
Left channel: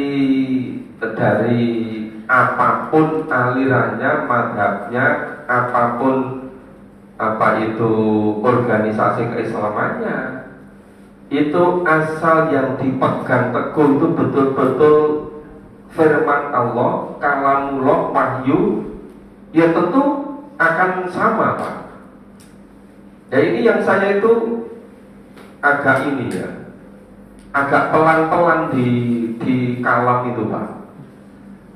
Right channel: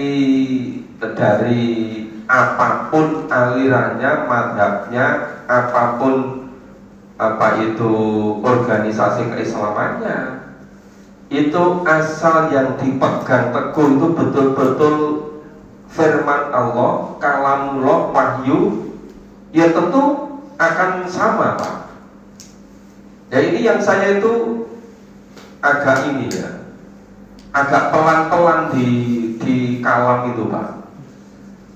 apapun alirannya, madhabnya, apapun apa itu organisasi keislamannya, itu asal yang dipegang teguh itu betul-betul firman Allah, kalamullah, wahyu, ya tentu akan sama Pak. Ya ini yang saya itu agak ini ya, agak pelan-pelan di kalam itu Pak.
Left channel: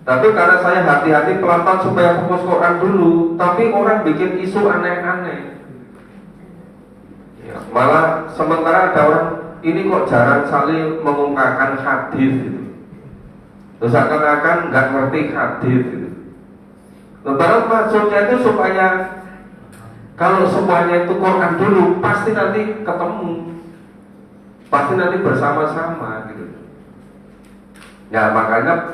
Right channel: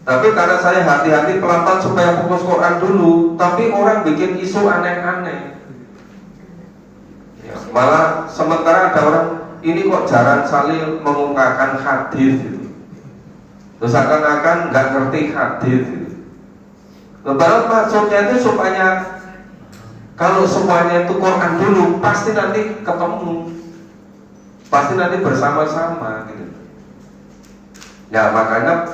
Tapi karena saya hati-hati pelan-pelan supaya fokus Quran dulu, tapi orang bikin isu aneh-aneh. Ya, malah sementara ada orang ini kok jarang sekali mengungkapkan hadis gitu. Terus akan-akan nggak ngerti hadis gitu. Padahal maksudnya itu supaya kalau semuanya itu Quran dulu, pasti nanti ketemu, pasti nanti bersama-sama gitu. Ya makanya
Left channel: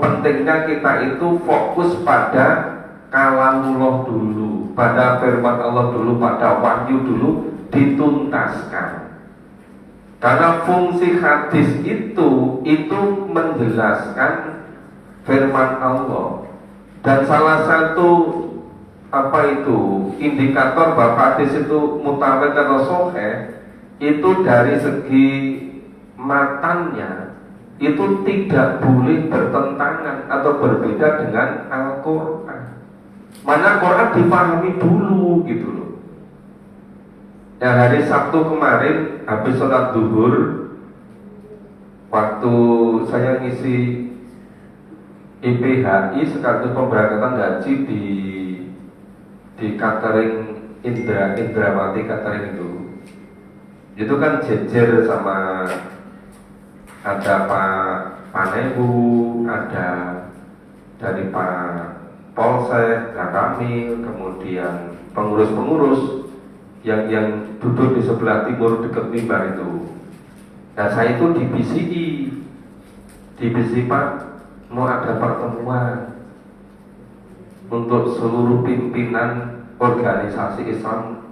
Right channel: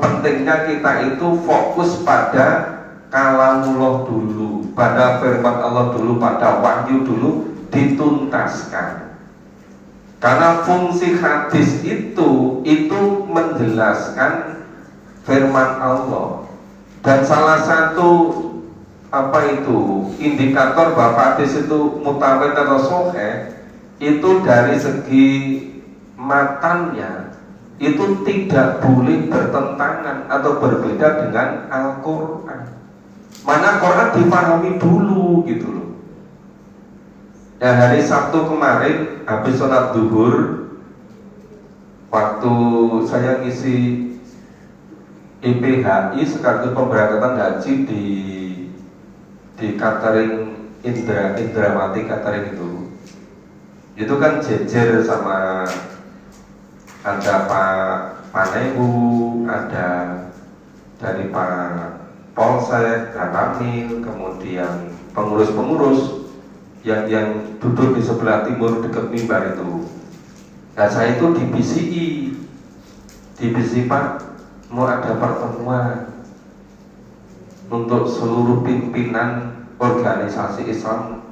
pentingnya kita itu fokus pada kalamullah dulu, pada firman Allah dulu, pada wahyu dulu dituntaskan. Karena fungsi hadis itu menjelaskan firman Allah. Dan salah satu indikator bahwa hadis itu mutawatir atau sahih itu dari segi matanya itu tidak boleh bertentangan atau berbeda dengan Al-Quran. Mana Quran dipahami dulu gitu loh. Ya hari Sabtu kemarin habis sholat zuhur, waktu saya ngisi IPHI sekaligus pemberangkatan haji di catering Indrawati catering itu kan jejer sama ada Pak Panehu, ada dari Pak Polsek, Pak Kamil, kemudian pengurus-pengurus yang duduk di sebelah timur dekat mimbar itu. Dan saya itu di BCI Pak mau ada pertemuan untuk seluruh pimpinan organisasi Islam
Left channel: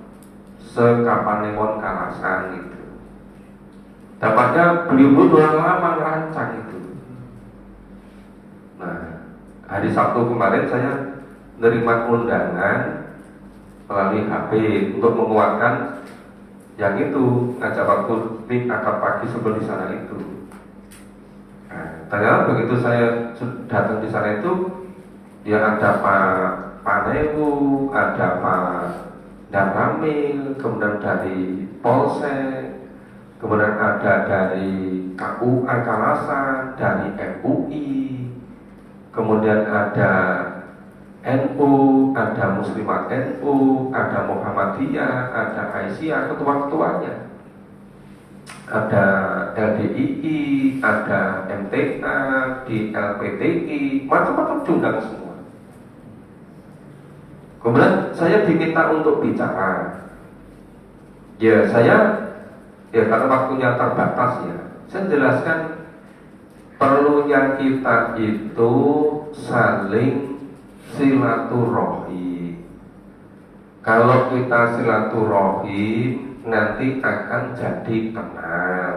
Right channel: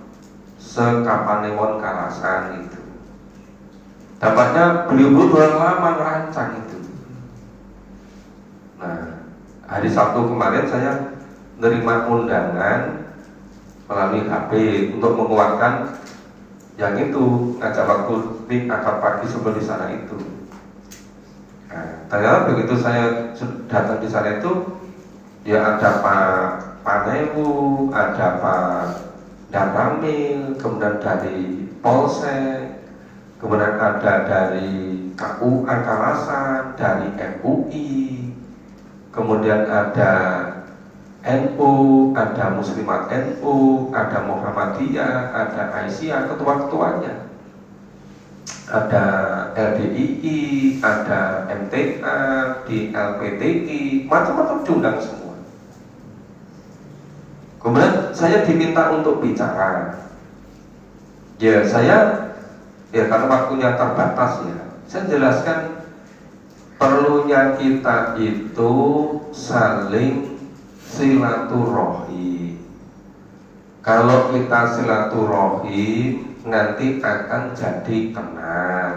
se-Kapanewon Kalasan itu. Dapatnya beliau udah lama merancang itu. Nah, hari Sabtu kemarin saya menerima undangan melalui HP untuk menguatkan yang itu ngajak waktu di akad pagi sebelum di sana itu. Nah, ternyata begitu saya datang di sana itu, ya ada Pak Panehu, ada Pak Damramil, kemudian dari Polsek, kemudian ada dari KUA Kalasan, dari MUI, kemudian ada NU, ada Muslimat NU, ada Muhammadiyah, ada Aisyah, ketua-ketuanya, ada LDII, ada MTA, di LPTI, macam-macam diundang semua. Kemudian saya diminta untuk bicara. Ya karena waktunya terbatas ya, saya jelaskan perlunya kita itu saling silaturahim. Kalau kita silaturahim nanti akan jadi kenal.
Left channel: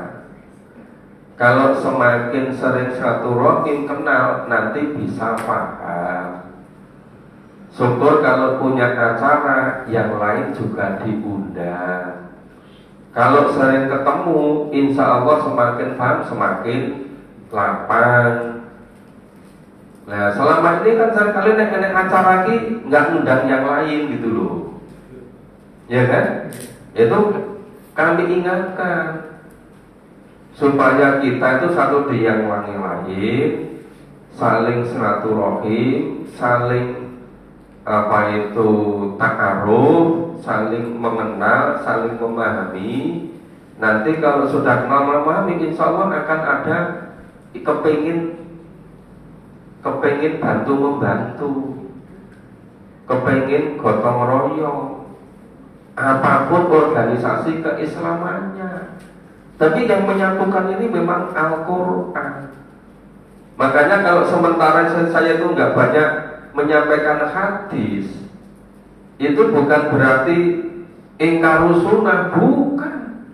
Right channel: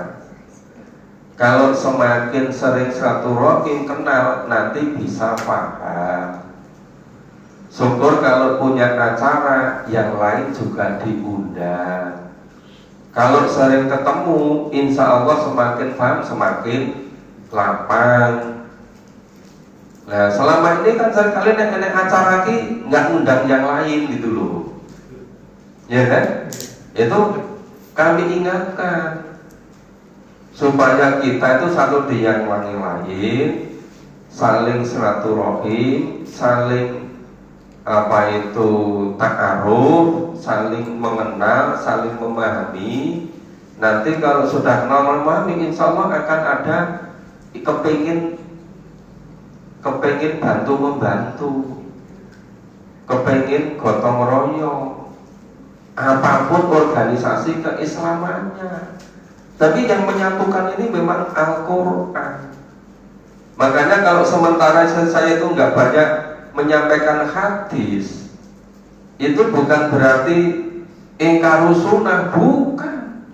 Kalau semakin sering silaturahim kenal, nanti bisa paham. Syukur kalau punya acara yang lain juga diundang. Kalau sering ketemu, insya Allah semakin paham, semakin lapang. Nah selama ini kan seringkali nek acara lagi nggak undang yang lain gitu loh, ya kan? Itu kami ingatkan supaya kita itu satu di yang lain, saling silaturahim, saling ta'aruf, saling mengenal, saling memahami. Nanti kalau sudah kenal memahami, insya Allah akan ada kepingin bantu membantu, kepingin gotong royong, apapun organisasi keislamannya. Tapi yang menyatukan ini memang Al-Quran. Makanya kalau sementara saya itu nggak banyak menyampaikan hadis, itu bukan berarti ingkar sunnah, bukan.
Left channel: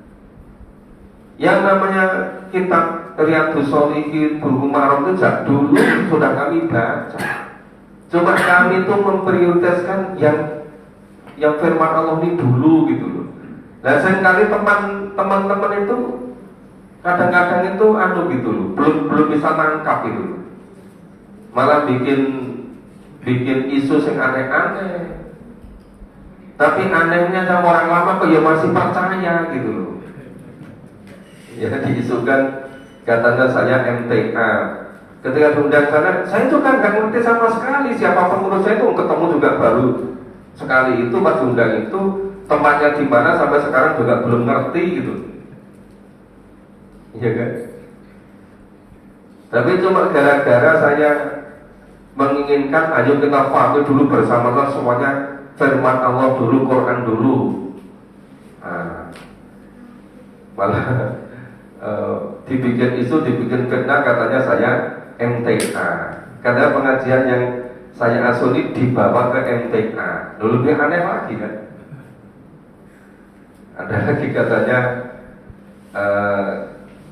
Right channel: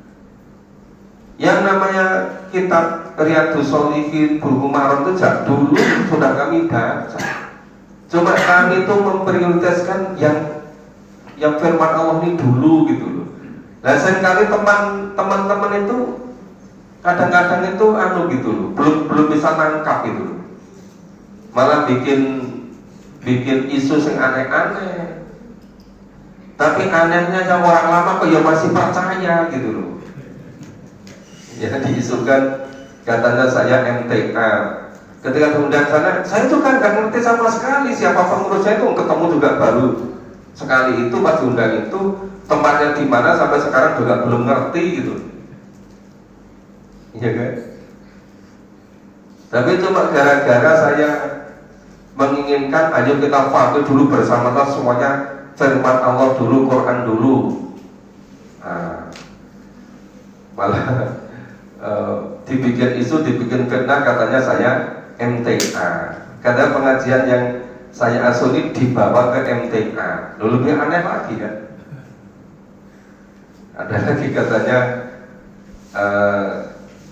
Yang namanya kitab Riyadhus Shalihin, Bulughul Maram itu sejak dulu sudah kami baca. Cuma kami itu memprioritaskan yang firman Allah ini dulu gitu loh. Nah seringkali teman-teman itu kadang-kadang itu gitu loh, belum bisa nangkap itu, malah bikin isu yang aneh-aneh. Tapi anehnya sama orang lama kok ya masih percaya gitu loh. Ya diisukan katanya saya MTA. Ketika diundang sana, saya juga nggak ngerti sama sekali siapa pengurus saya itu, ketemu juga baru sekali itu pas diundang itu, tempatnya di mana sampai sekarang juga belum ngerti gitu. Iya kan? Tapi cuma gara-gara saya menginginkan ayo kita patuh dulu bersama-sama semuanya firman Allah dulu, Quran dulu. Nah, malah dibikin isu, dibikin fitnah katanya saya MTA. Karena pengajian yang saya asuli dibawa ke MTA. Lalu lebih aneh lagi kan? Ada lagi katanya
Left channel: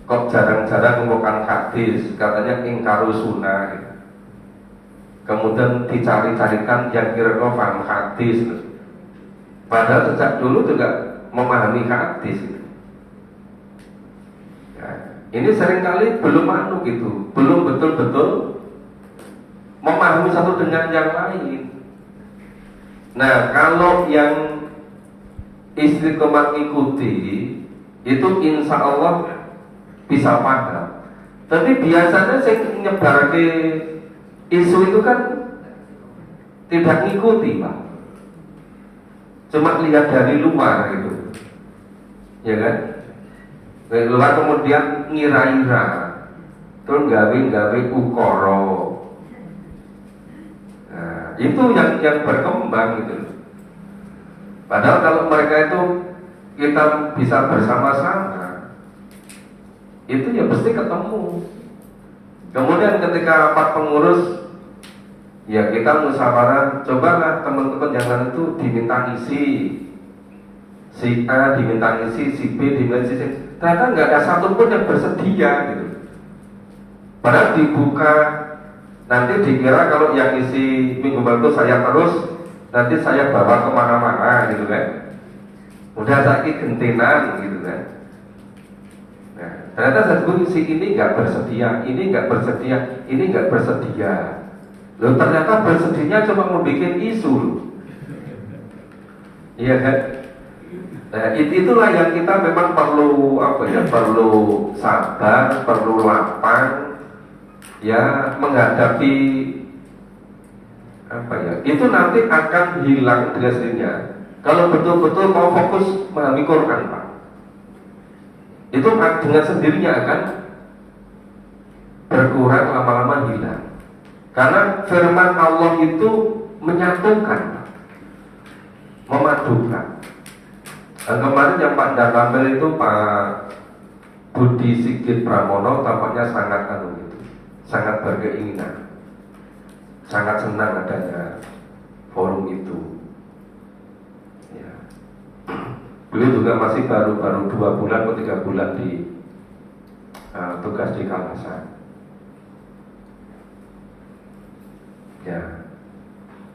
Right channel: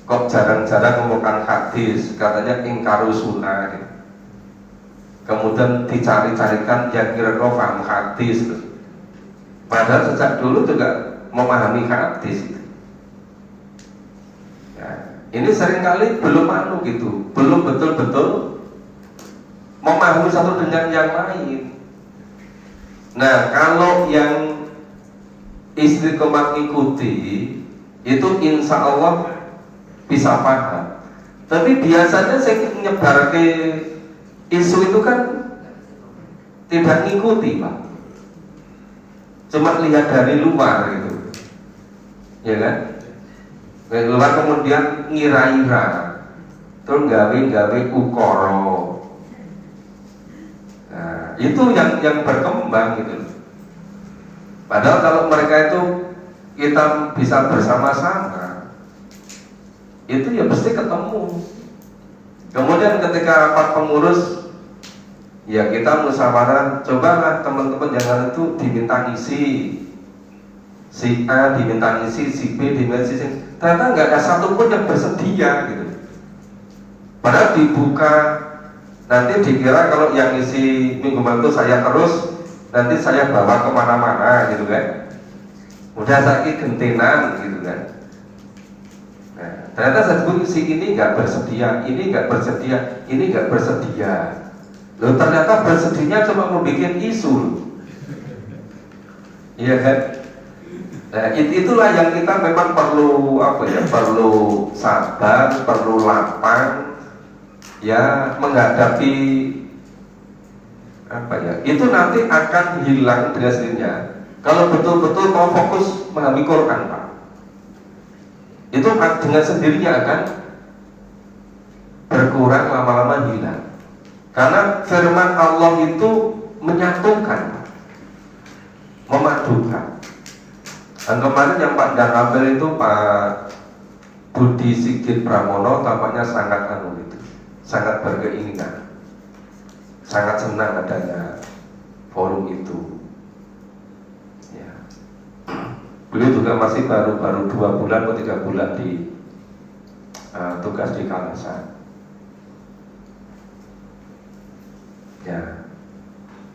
kok jarang-jarang ngomongkan hadis, katanya ingkaru sunnah gitu. Kemudian dicari-carikan yang kira-kira paham hadis gitu. Padahal sejak dulu juga memahami hadis gitu. Ya, ini seringkali belum gitu, belum betul-betul memahami satu dengan yang lain. Nah, kalau yang istiqomah mengikuti itu insya Allah bisa paham. Tapi biasanya saya menyebar ke isu itu kan tidak ngikuti Pak, cuma lihat dari luar gitu, ya kan? Dari luar kemudian ngira-ngira, terus gawe ukoro. Nah, itu yang berkembang gitu. Padahal kalau mereka itu kita bisa bersama-sama, itu ya pasti ketemu. Kemudian ketika rapat pengurus, ya kita musyawarah, cobalah teman-teman yang lain itu diminta ngisi, si A diminta ngisi, si B diminta ngisi. Ternyata nggak ada satupun yang bersedia gitu. Padahal dibuka, nanti dikira kalau yang ngisi minggu itu saya terus, nanti saya bawa kemana-mana gitu kan. Udah sakit gentenan gitu kan. Nah, ternyata satu si ini nggak bersedia, ini nggak bersedia, ini nggak bersedia. Loh, ternyata bersedianya cuma mau bikin isu, iya kan? Nah, itulah yang kita memang perlu perlu sabar, perlu lapang, ya menghadapi itu nanti akan hilang dengan sendirinya. Kalau betul-betul mau fokus memahami Quran, Pak, itu dengan sendirinya akan berkurang, lama-lama hilang. Karena firman Allah itu menyatukan, memadukan. Dan kemarin yang Pak Dakamel itu Pak Budi Sigit Pramono tampaknya sangat sangat berkeinginan, sangat senang adanya forum itu. Ya. Beliau juga masih baru 2 bulan atau 3 bulan di tugas di Kalasan.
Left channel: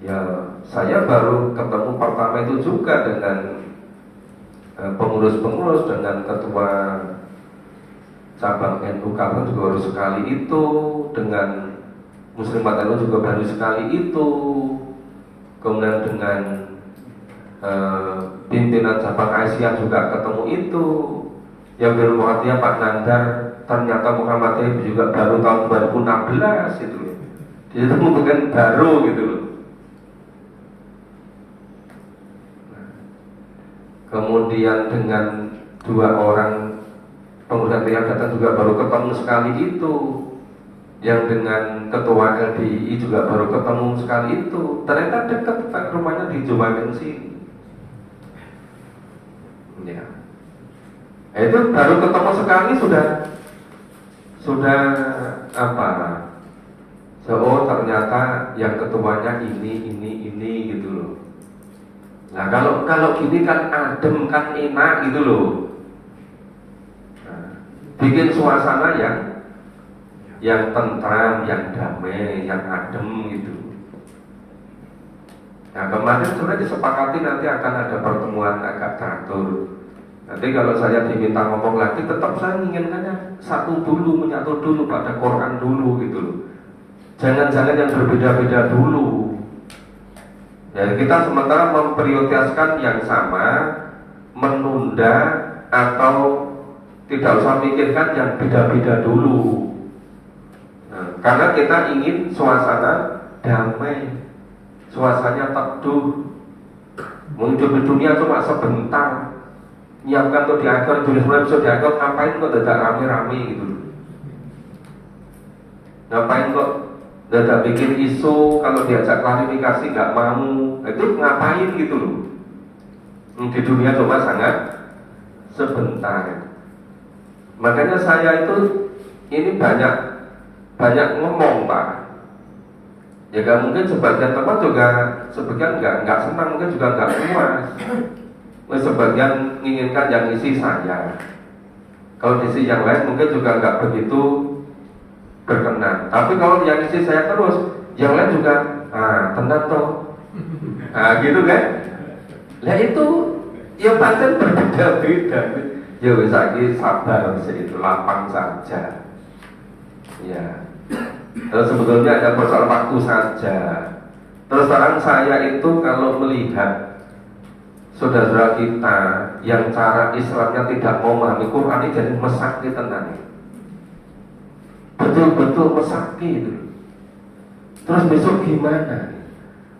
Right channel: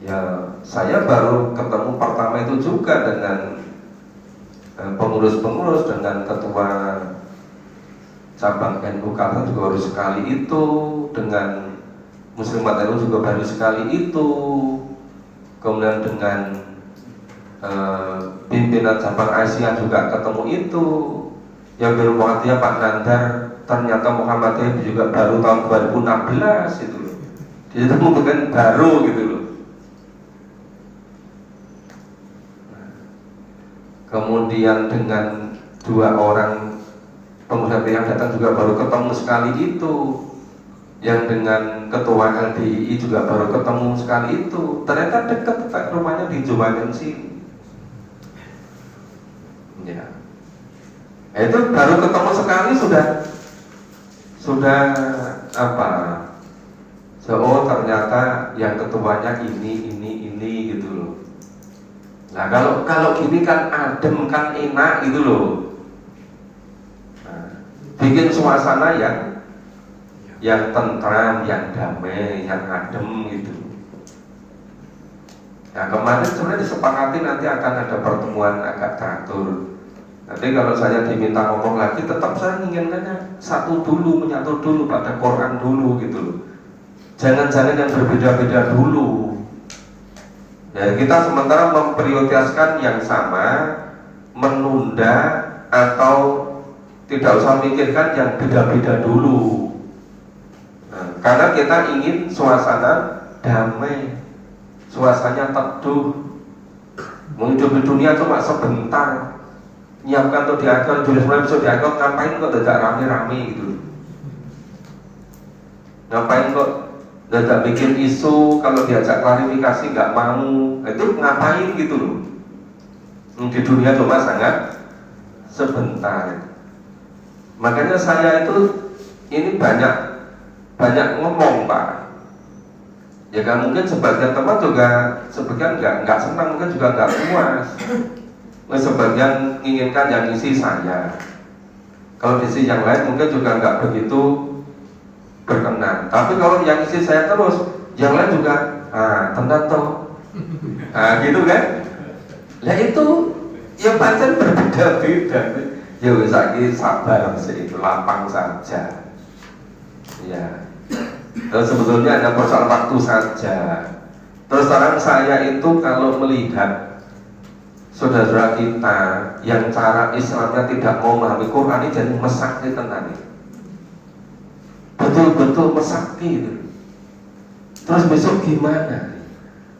Ya, saya baru ketemu pertama itu juga dengan pengurus-pengurus, dengan ketua cabang NU Kalasan juga baru sekali itu, dengan Muslimat NU juga baru sekali itu, kemudian dengan pimpinan cabang Asia juga ketemu itu. Yang bermuatnya Pak Nandar, ternyata Muhammadiyah juga baru tahun 2016 itu. Itu bukan baru gitu loh. Kemudian dengan 2 orang pengusaha yang datang juga baru ketemu sekali itu. Yang dengan ketua LDI juga baru ketemu sekali itu. Ternyata dekat rumahnya di Jumagan sini. Ya. Itu baru ketemu sekali sudah apa? So, ternyata yang ketuanya ini gitu loh. Nah, kalau gini kan adem, kan enak gitu loh. Nah, bikin suasana yang tentram, yang damai, yang adem gitu. Ya, kemarin sebenarnya disepakati nanti akan ada pertemuan agak teratur. Nanti kalau saya diminta ngomong lagi, tetap saya inginkannya menyatu dulu pada Quran dulu gitu loh. Jangan-jangan yang berbeda-beda dulu. Ya, kita sementara memprioritaskan yang sama, menunda atau tidak usah mikirkan yang beda-beda dulu. Nah, karena kita ingin suasana damai, suasananya teduh. Hidup di dunia cuma sebentar. Nyiapkan tuh di akhirat, dunia sebelum besok di akhirat, ngapain kok tidak rame-rame gitu? Ngapain kok tidak bikin isu, kalau diajak klarifikasi nggak mau, itu ngapain gitu loh? Di dunia cuma sangat sebentar. Makanya saya itu ini banyak ngomong Pak. Ya kan mungkin sebagian teman juga sebagian nggak senang, mungkin juga nggak puas. Sebagian menginginkan yang isi saya. Kalau isi yang lain mungkin juga nggak begitu berkenan. Tapi kalau yang isi saya terus, yang lain juga tenang toh. Nah gitu kan? Nah itu ya pancen berbeda-beda. Ya wis saiki sabar sih, itu lapang saja. Ya. Terus sebetulnya ada persoalan waktu saja. Terus terang saya itu kalau melihat saudara kita yang cara Islamnya tidak mau memahami Quran ini jadi mesakti tenan. Betul-betul mesakti itu. Terus besok gimana?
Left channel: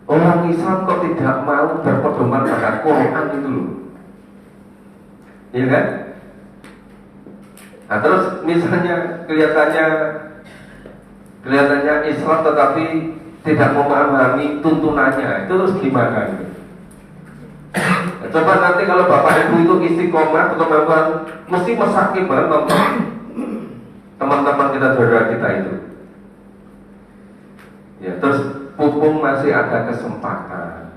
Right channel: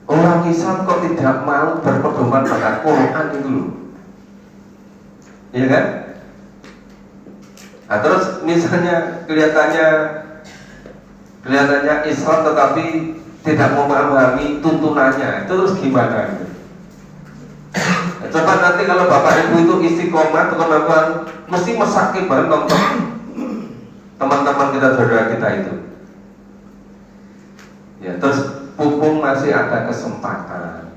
Orang Islam kok tidak mau berpedoman pada Quran itu loh. Iya kan? Nah terus misalnya kelihatannya Islam tetapi tidak memahami tuntunannya, itu terus gimana? Coba nanti kalau bapak ibu itu istiqomah, teman-teman mesti mesaki banget nonton teman-teman kita, saudara kita itu. Ya terus pupung masih ada kesempatan,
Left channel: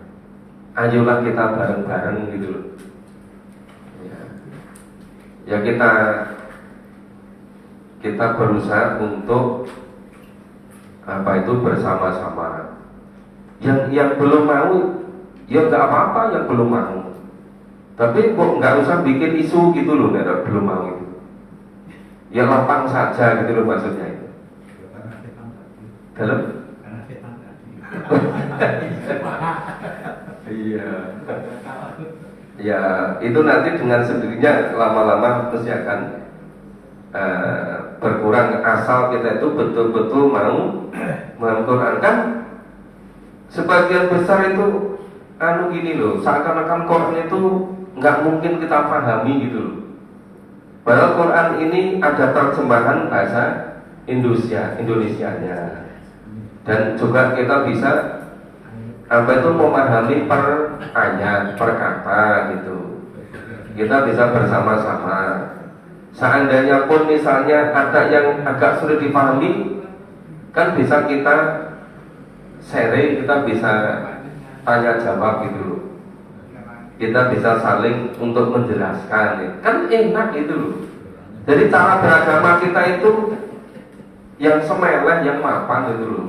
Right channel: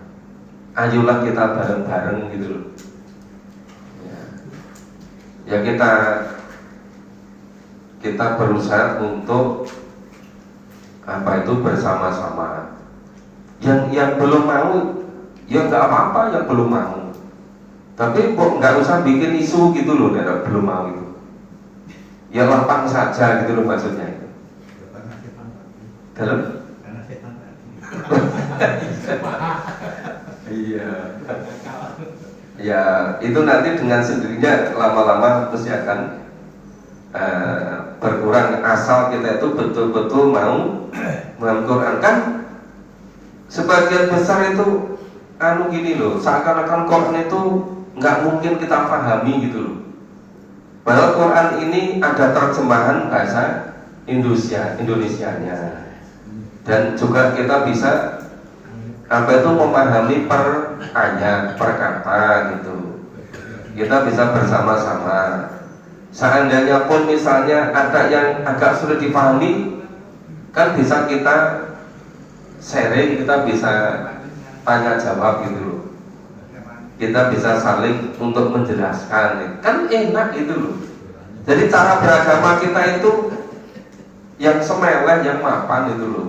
ayolah kita bareng-bareng gitu loh. Ya kita berusaha untuk apa itu bersama-sama. Yang belum mau ya nggak apa-apa, yang belum mau. Tapi kok nggak usah bikin isu gitu loh, nggak belum mau itu. Ya lapang saja gitu loh maksudnya itu. Dalam? Iya. Ya itu nanti dengan sendirinya lama-lama pasti akan berkurang, asal kita itu betul-betul mau Quran. Kan sebagian besar itu gini loh, seakan-akan Quran itu nggak mungkin kita pahami gitu loh. Padahal Quran ini ada terjemahan bahasa Indonesianya, dan juga kita bisa apa itu memahami per ayat, per kata gitu. Kita bisa bersama-sama. Seandainya pun misalnya ada yang agak sulit dipahami, kan bisa kita sharing, kita bisa tanya jawab gitu loh. Kita bisa saling untuk menjelaskan, kan enak gitu loh. Jadi cara beragama kita itu yang semeleh, yang mapan itu loh.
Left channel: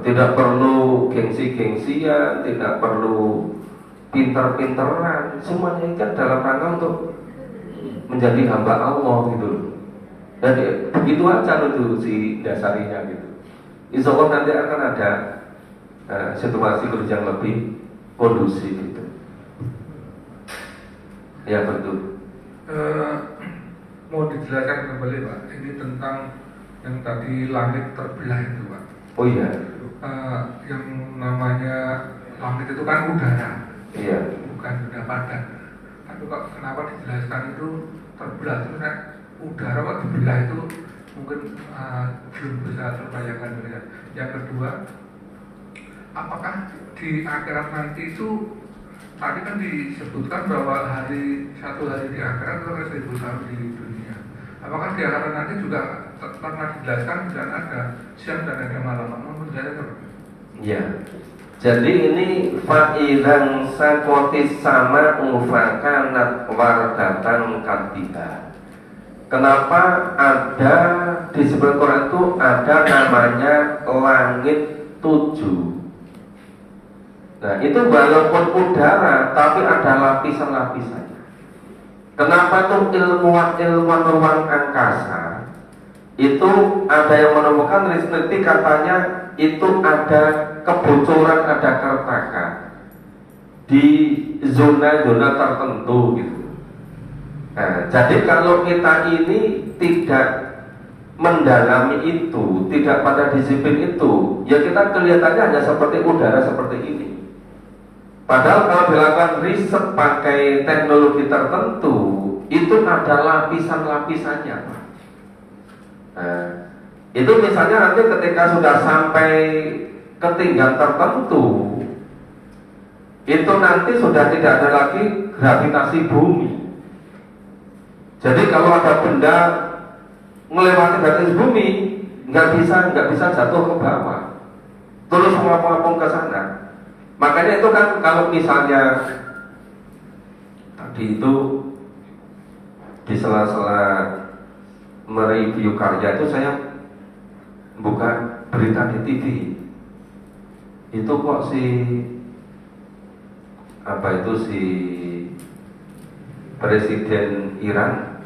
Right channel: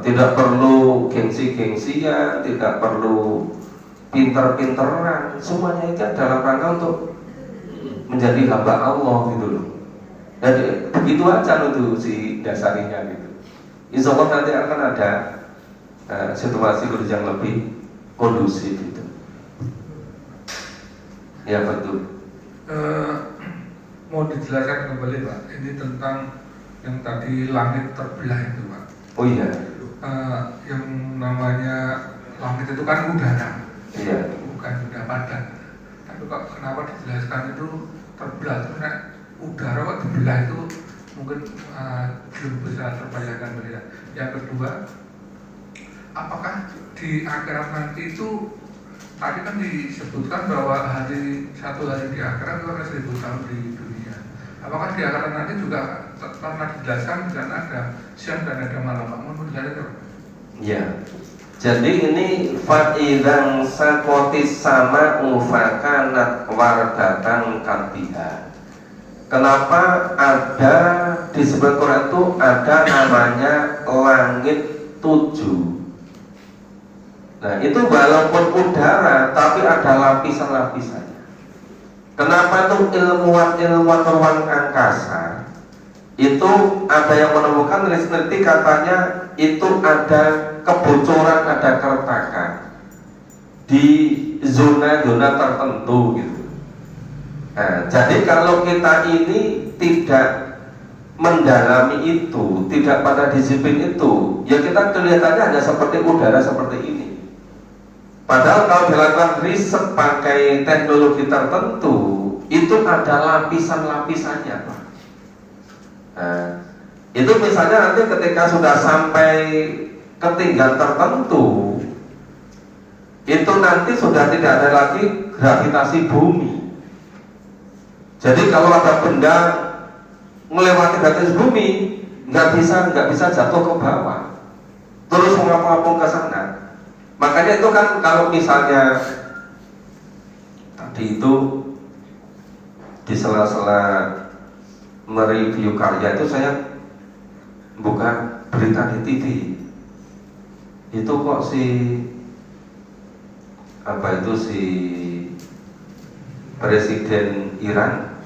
Tidak perlu gengsi-gengsian, tidak perlu pinter-pinteran, semuanya itu dalam rangka untuk menjadi hamba Allah gitu loh. Dan begitu aja loh tuh si dasarinya gitu. Insya Allah nanti akan ada situasi yang lebih kondusif gitu. Ya betul. Mau dijelaskan kembali Pak, ini tentang yang tadi langit terbelah itu Pak. Oh iya. Yang namanya langit itu kan udara. Iya. Bukan benda padat. Tapi kok kenapa dijelaskan itu terbelah? Terus udara kok dibelah itu mungkin belum bisa terbayangkan ya. Yang kedua, apakah di akhirat nanti itu tadi kan disebutkan bahwa satu hari di akhirat itu 1000 tahun di dunia. Apakah di akhirat nanti juga pernah dijelaskan dan ada siang dan ada malam? Menurut saya ya. Jadi ini fa'idan sakotis sama ufakanat wardatan kabiha. Kenapa ada di sebelah Quran itu ada namanya langit 7. Nah itu walaupun udara tapi ada lapisan-lapisannya. Kenapa itu ilmuwan ruang angkasa itu ada yang menemukan peneliti katanya itu ada kebocoran, ada keretakan di zona-zona tertentu gitu. Nah, jadi kalau kita ini tidak mendalami itu, tidak pada disiplin itu, ya kita kelihatannya hanya seperti udara seperti ini. Padahal kalau dilakukan riset pakai teknologi tertentu, itu ada lapisan-lapisannya, Pak. Nah, itu misalnya nanti ketika sudah sampai ketinggian tertentu, itu nanti sudah tidak ada lagi gravitasi bumi. Jadi kalau ada benda melewati batas bumi, nggak bisa jatuh ke bawah, terus mengapung ke sana. Makanya itu kan kalau misalnya tadi itu di sela-sela mereview karya itu saya buka berita di TV. Itu kok si Presiden Iran,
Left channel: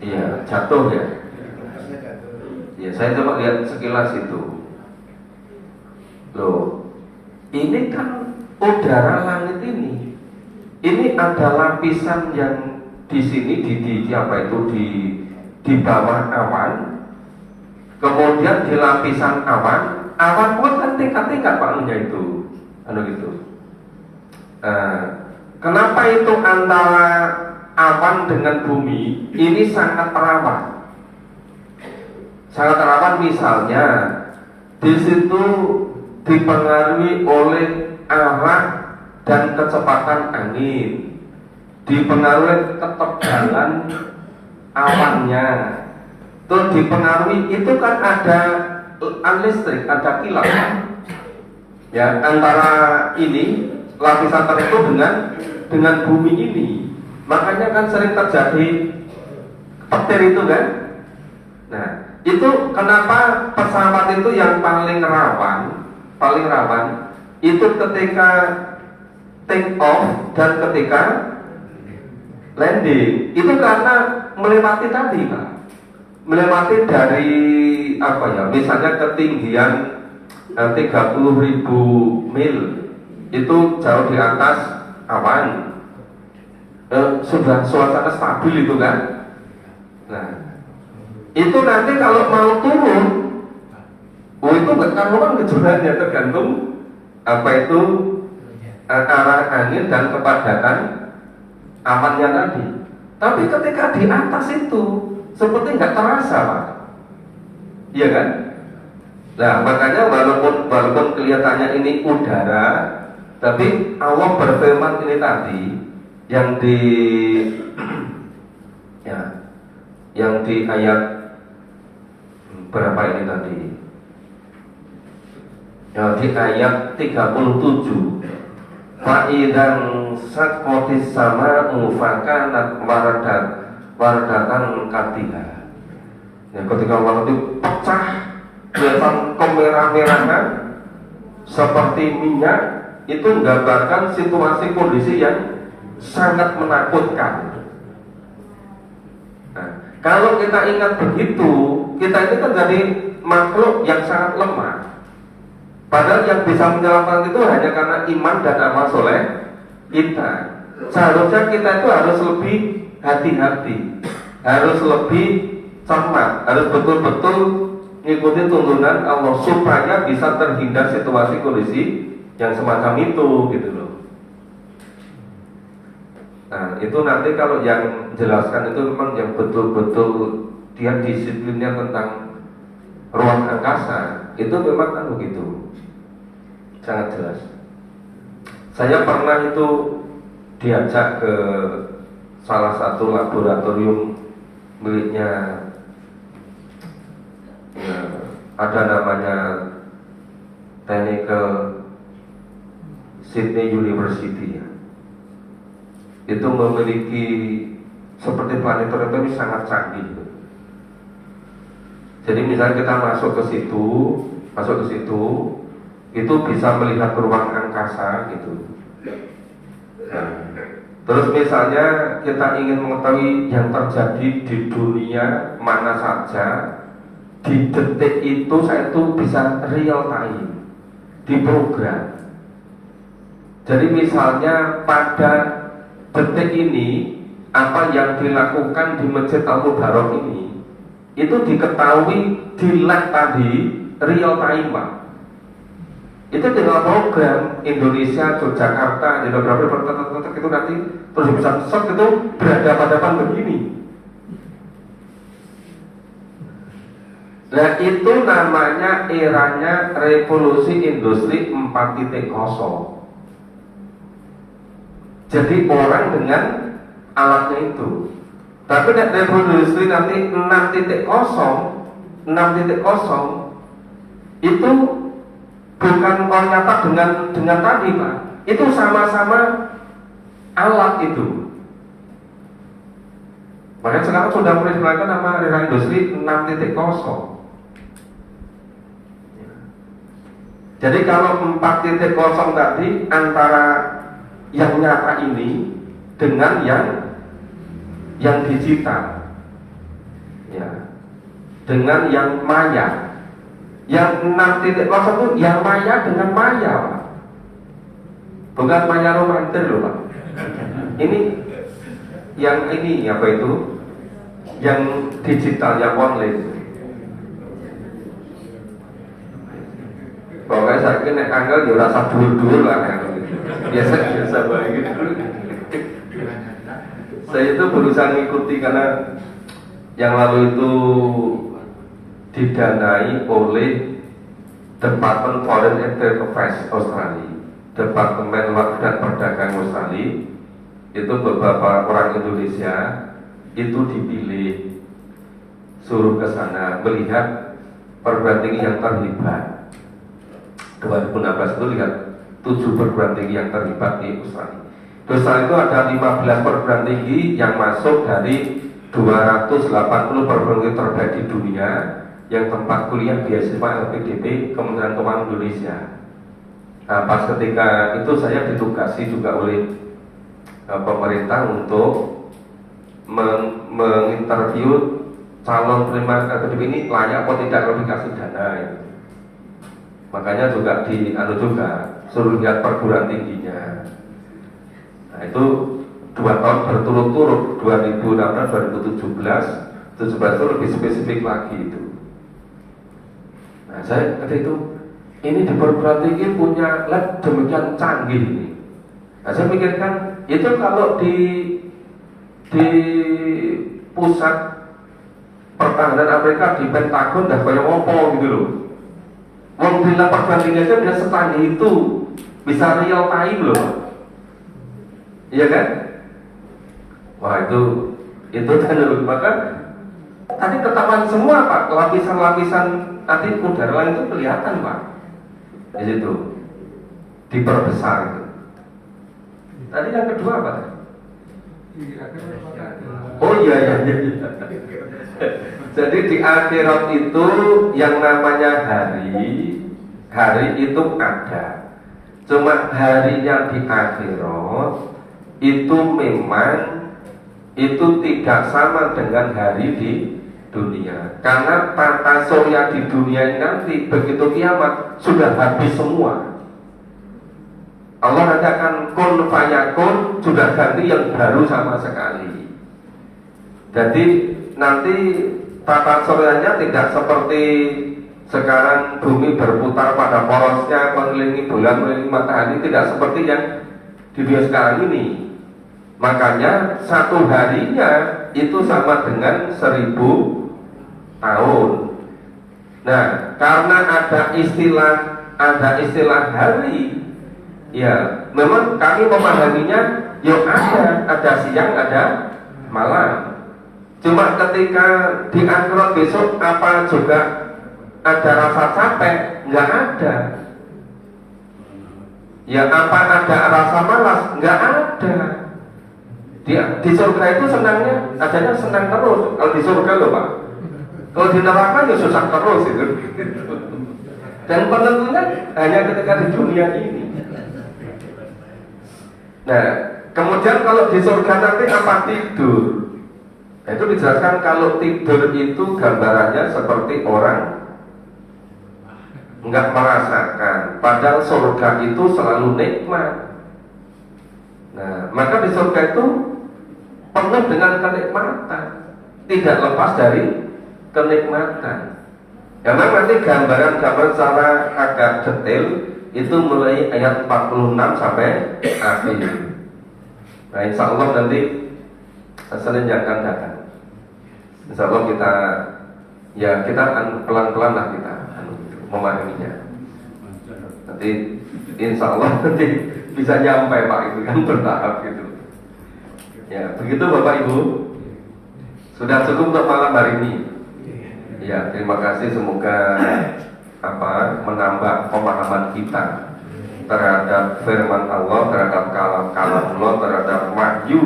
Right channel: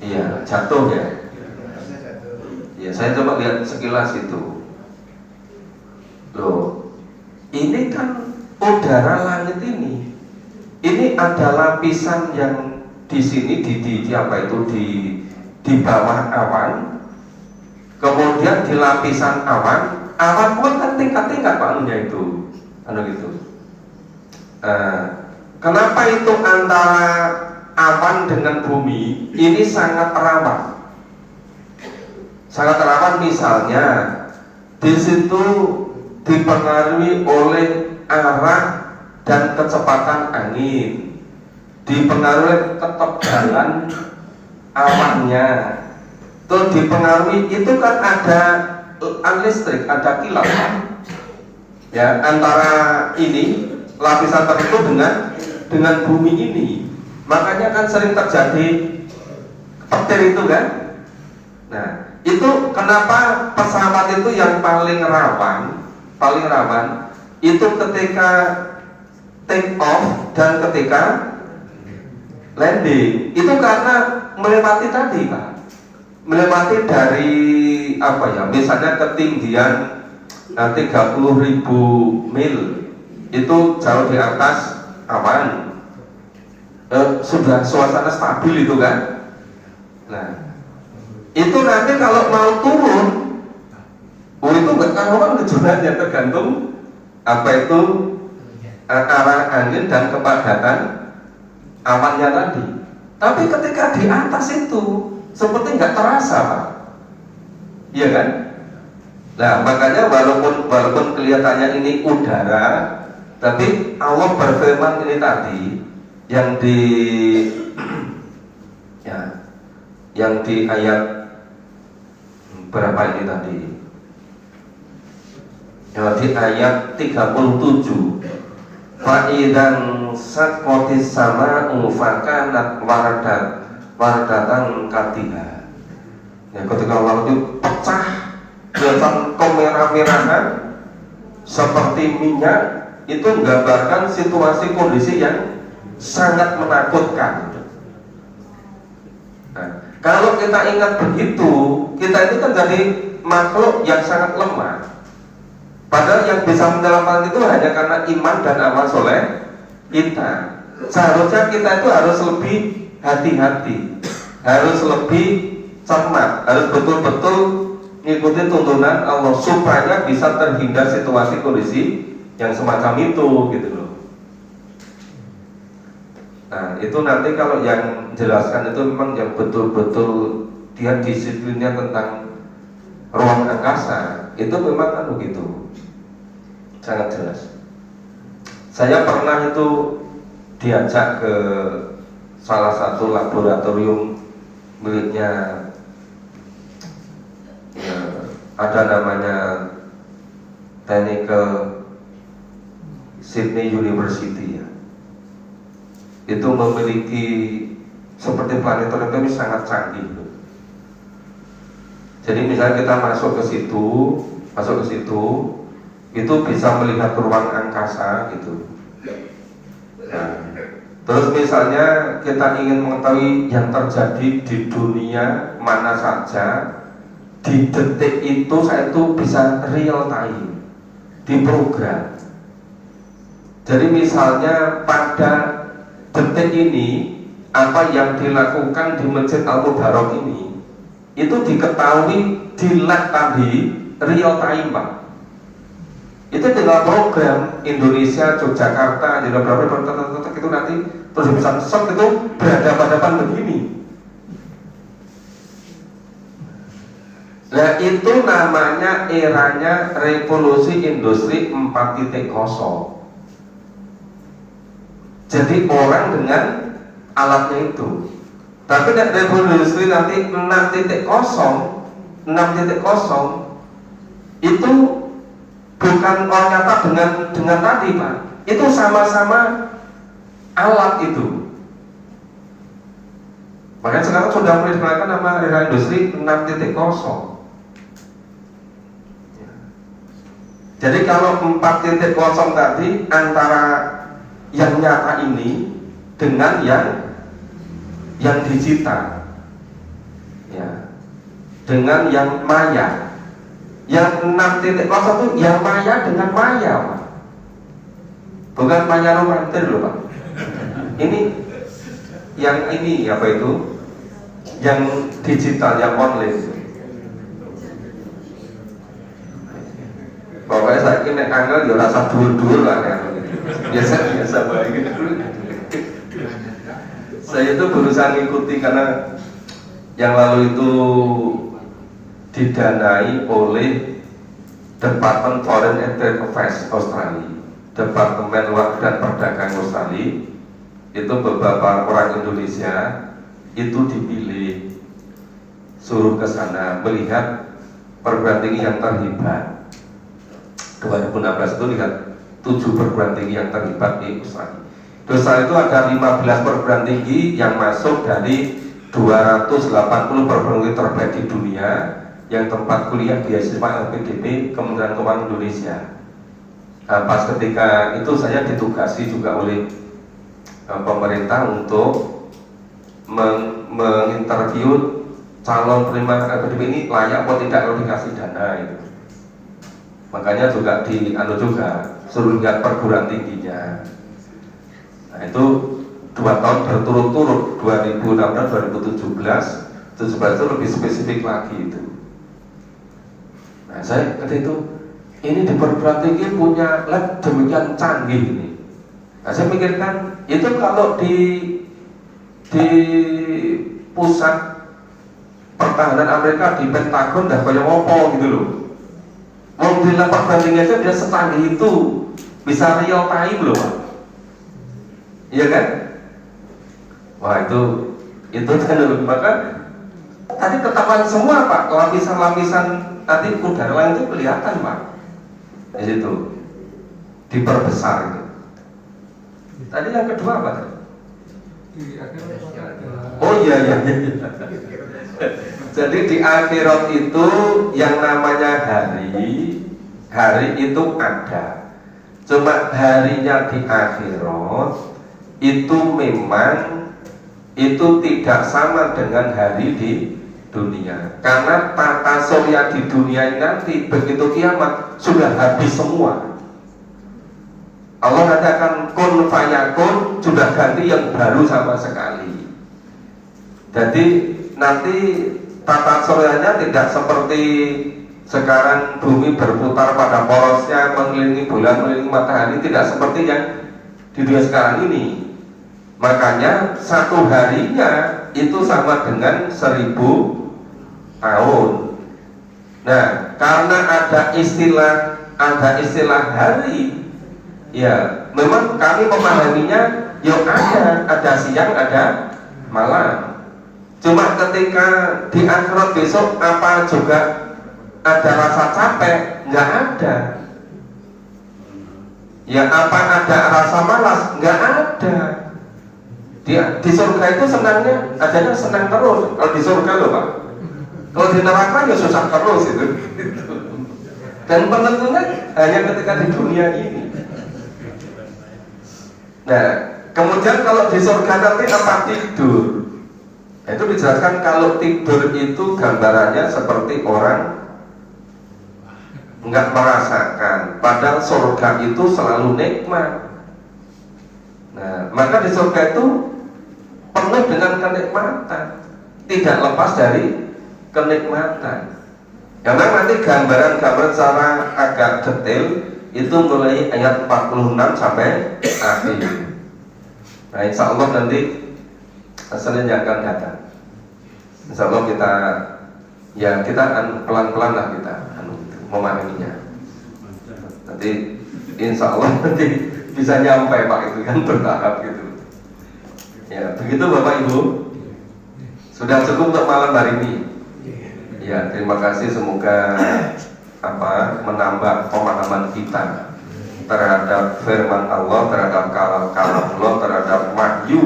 iya jatuh ya. Ya saya coba lihat sekilas itu. Loh, ini kan udara langit ini ada lapisan yang di sini di apa itu di bawah awan, kemudian di lapisan awan pun kan tingkat-tingkat anunya itu, gitu. Kenapa itu antara awan dengan bumi ini sangat rawan? Sangat rawan misalnya di situ dipengaruhi oleh arah dan kecepatan angin, dipengaruhi ketebalan awannya, terus dipengaruhi itu kan ada listrik, ada kilat ya antara ini lapisan tertentu dengan bumi ini. Makanya kan sering terjadi petir itu kan. Nah, itu kenapa pesawat itu yang paling rawan itu ketika take off dan ketika landing, itu karena melewati tadi Pak, melewati dari apa ya, misalnya ketinggian 30.000 mil, itu jauh di atas awan, sudah suasana stabil itu kan. Nah, itu nanti kalau mau turun, itu nggak karuan kejurannya, tergantung apa itu arah angin dan kepadatan awannya tadi. Tapi ketika di atas itu seperti nggak terasa Pak, iya kan? Nah makanya walaupun kelihatannya ini udara, tapi Allah berfirman ini tadi yang di ayat berapa ini tadi? Ya, di ayat 37. Fa'idan sakotis sama fakanat wardatan katiha. Ya, ketika waktu pecah kelihatan kemerah-merahan seperti minyak, itu menggambarkan situasi kondisi yang sangat menakutkan. Nah, kalau kita ingat begitu, kita ini kan jadi makhluk yang sangat lemah. Padahal yang bisa menyelamatkan itu hanya karena iman dan amal soleh kita. Seharusnya kita itu harus lebih hati-hati, harus lebih cermat, harus betul-betul mengikuti tuntunan Allah supaya bisa terhindar situasi kondisi yang semacam itu, gitu loh. Nah, itu nanti kalau yang jelaskan itu memang yang betul-betul dia disiplinnya tentang ruang angkasa, itu memang kan begitu. Sangat jelas. Saya pernah itu diajak ke salah satu laboratorium miliknya ya, ada namanya Technical Sydney University ya. Itu memiliki seperti planetarium ini sangat canggih. Jadi misalnya kita masuk ke situ, itu bisa melihat ruang angkasa gitu. Nah, Terus misalnya kita ingin mengetahui yang terjadi di dunia mana saja, di detik itu saya itu bisa real time, diprogram. Jadi misalnya pada detik ini apa yang dilakukan di Masjid Al-Mubarak ini itu diketahui di live tadi real time, Pak. Itu tinggal program Indonesia, Yogyakarta, tinggal berapa itu nanti terus bisa shot itu berhadapan-hadapan begini. Nah itu namanya eranya revolusi industri 4.0. Jadi orang dengan alatnya itu. Tapi revolusi nanti 6.0 itu bukan nyata dengan tadi, Pak. Itu sama-sama alat itu. Makanya sekarang sudah mulai digunakan nama era industri 6.0. Jadi kalau 4.0 tadi antara yang nyata ini dengan yang digital, ya, dengan yang maya. Yang 6.0 itu yang maya dengan maya, Pak. Bukan maya romantis loh, Pak. Ini yang ini apa itu? Yang digital, yang online. Pokoknya saya kira angel ya rasa dur-dur lah ya. Biasa baik. Saya itu berusaha mengikuti karena yang lalu itu didanai oleh Departemen Foreign Affairs Australia, Departemen Luar dan Perdagangan Australia. Itu beberapa orang Indonesia itu dipilih suruh ke sana melihat perguruan tinggi yang terlibat. 2016 itu lihat 7 perguruan tinggi yang terlibat di Australia. Di Australia itu ada 15 perguruan tinggi yang masuk dari 280 perguruan tinggi terbaik di dunia yang tempat kuliah beasiswa LPDP Kementerian Keuangan Indonesia. Nah, pas ketika itu saya ditugasi juga oleh pemerintah untuk menginterview calon penerima LPDP ini layak atau tidak kalau dikasih dana itu. Makanya juga juga suruh lihat perguruan tingginya. Nah itu 2 tahun berturut-turut 2016, 2017 itu lebih spesifik lagi itu. Nah saya kata itu ini di perguruan tinggi punya lab demikian canggih ini. Nah saya pikirkan itu kalau di pusat pertahanan Amerika di Pentagon dah kayak ngopo gitu loh. Mobil perguruan tinggi aja dia secanggih itu, bisa real time loh. Iya kan? Wah itu kan dulu. Maka tadi ketahuan semua, Pak, lapisan-lapisan tadi udara itu kelihatan, Pak. Di situ diperbesar itu. Tadi yang kedua apa? Oh iya. Jadi di akhirat itu yang namanya hari itu ada. Cuma harinya di akhirat itu memang itu tidak sama dengan hari di dunia. Karena tata surya di dunia nanti begitu kiamat sudah habis semua. Allah nanti akan kun fayakun, sudah ganti yang baru sama sekali. Jadi nanti tata suryanya tidak seperti sekarang bumi berputar pada porosnya mengelilingi bulan, mengelilingi matahari, tidak seperti yang di dunia sekarang ini. Makanya satu harinya itu sama dengan 1000 tahun. Nah, karena ada istilah hari, ya memang kami memahaminya ya ada siang, ada malam. Cuma ketika di akhirat besok apa juga ada rasa capek? Nggak ada. Ya apa ada rasa malas? Nggak ada. Di surga itu senangnya, adanya senang terus. Kalau di surga loh, Pak. Kalau di neraka ya susah terus itu. Dan penentunya hanya ketika di dunia ini. Nah, Kemudian kalau di surga nanti apa tidur? Itu dijelaskan kalau tidur itu gambarannya seperti orang nggak merasakan, padahal surga itu selalu nikmat. Nah, maka di surga itu penuh dengan kenikmatan, tidak lepas dari kenikmatan. Karena nanti gambaran-gambaran secara agak detail itu mulai ayat 46 sampai akhir. Nah, insya Allah nanti Senin yang akan datang. Insya Allah kita pelan-pelan lah kita memahaminya. Nanti insya Allah nanti bisa nyampe Pak, itu kan bertahap gitu. Ya, begitu Bapak Ibu. Sudah cukup untuk malam hari ini. Ya, terima kasih, semoga menambah pemahaman kita terhadap firman Allah, terhadap kalam Allah, terhadap wahyu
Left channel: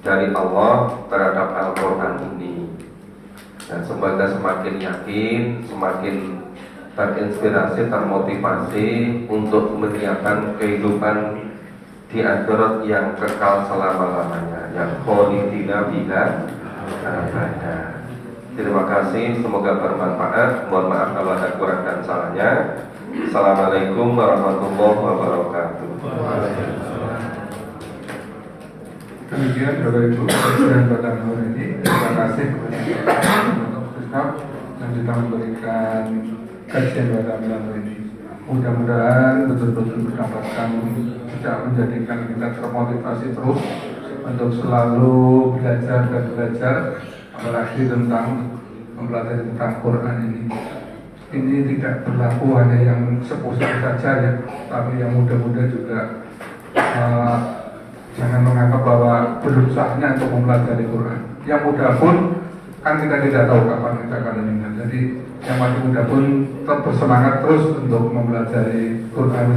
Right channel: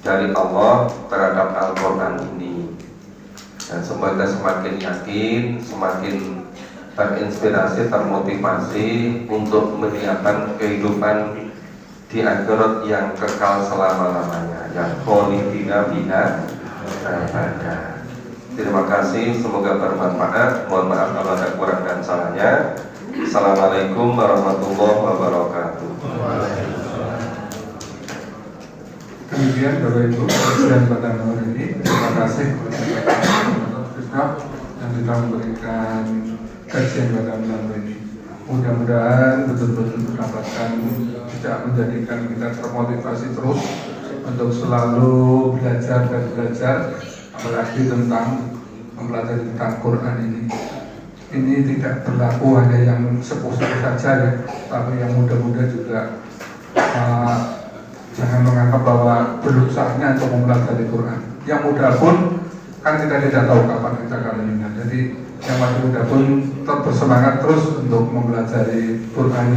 dari Allah terhadap Al-Quran ini. Dan semoga semakin yakin, semakin terinspirasi, termotivasi untuk menyiapkan kehidupan di akhirat yang kekal selama-lamanya, yang kholidina biha abada. Terima kasih, semoga bermanfaat. Mohon maaf kalau ada kurang dan salahnya. Assalamualaikum warahmatullahi wabarakatuh. Kemudian Bapak Ibu Presiden Kota Nur ini, terima kasih kepada yang kita memberikan kajian pada malam ini. Mudah-mudahan betul-betul berdasarkan tidak menjadikan kita termotivasi terus untuk selalu belajar dan belajar, apalagi tentang mempelajari tentang Quran ini. Ini tidak berlaku hanya yang sepuh saja ya, tapi yang muda-muda juga jangan menganggap bahwa belum saatnya untuk mempelajari Quran. Yang muda pun kan kita tidak tahu kapan kita akan meninggal. Jadi yang masih muda pun tetap bersemangat terus untuk mempelajari Quran.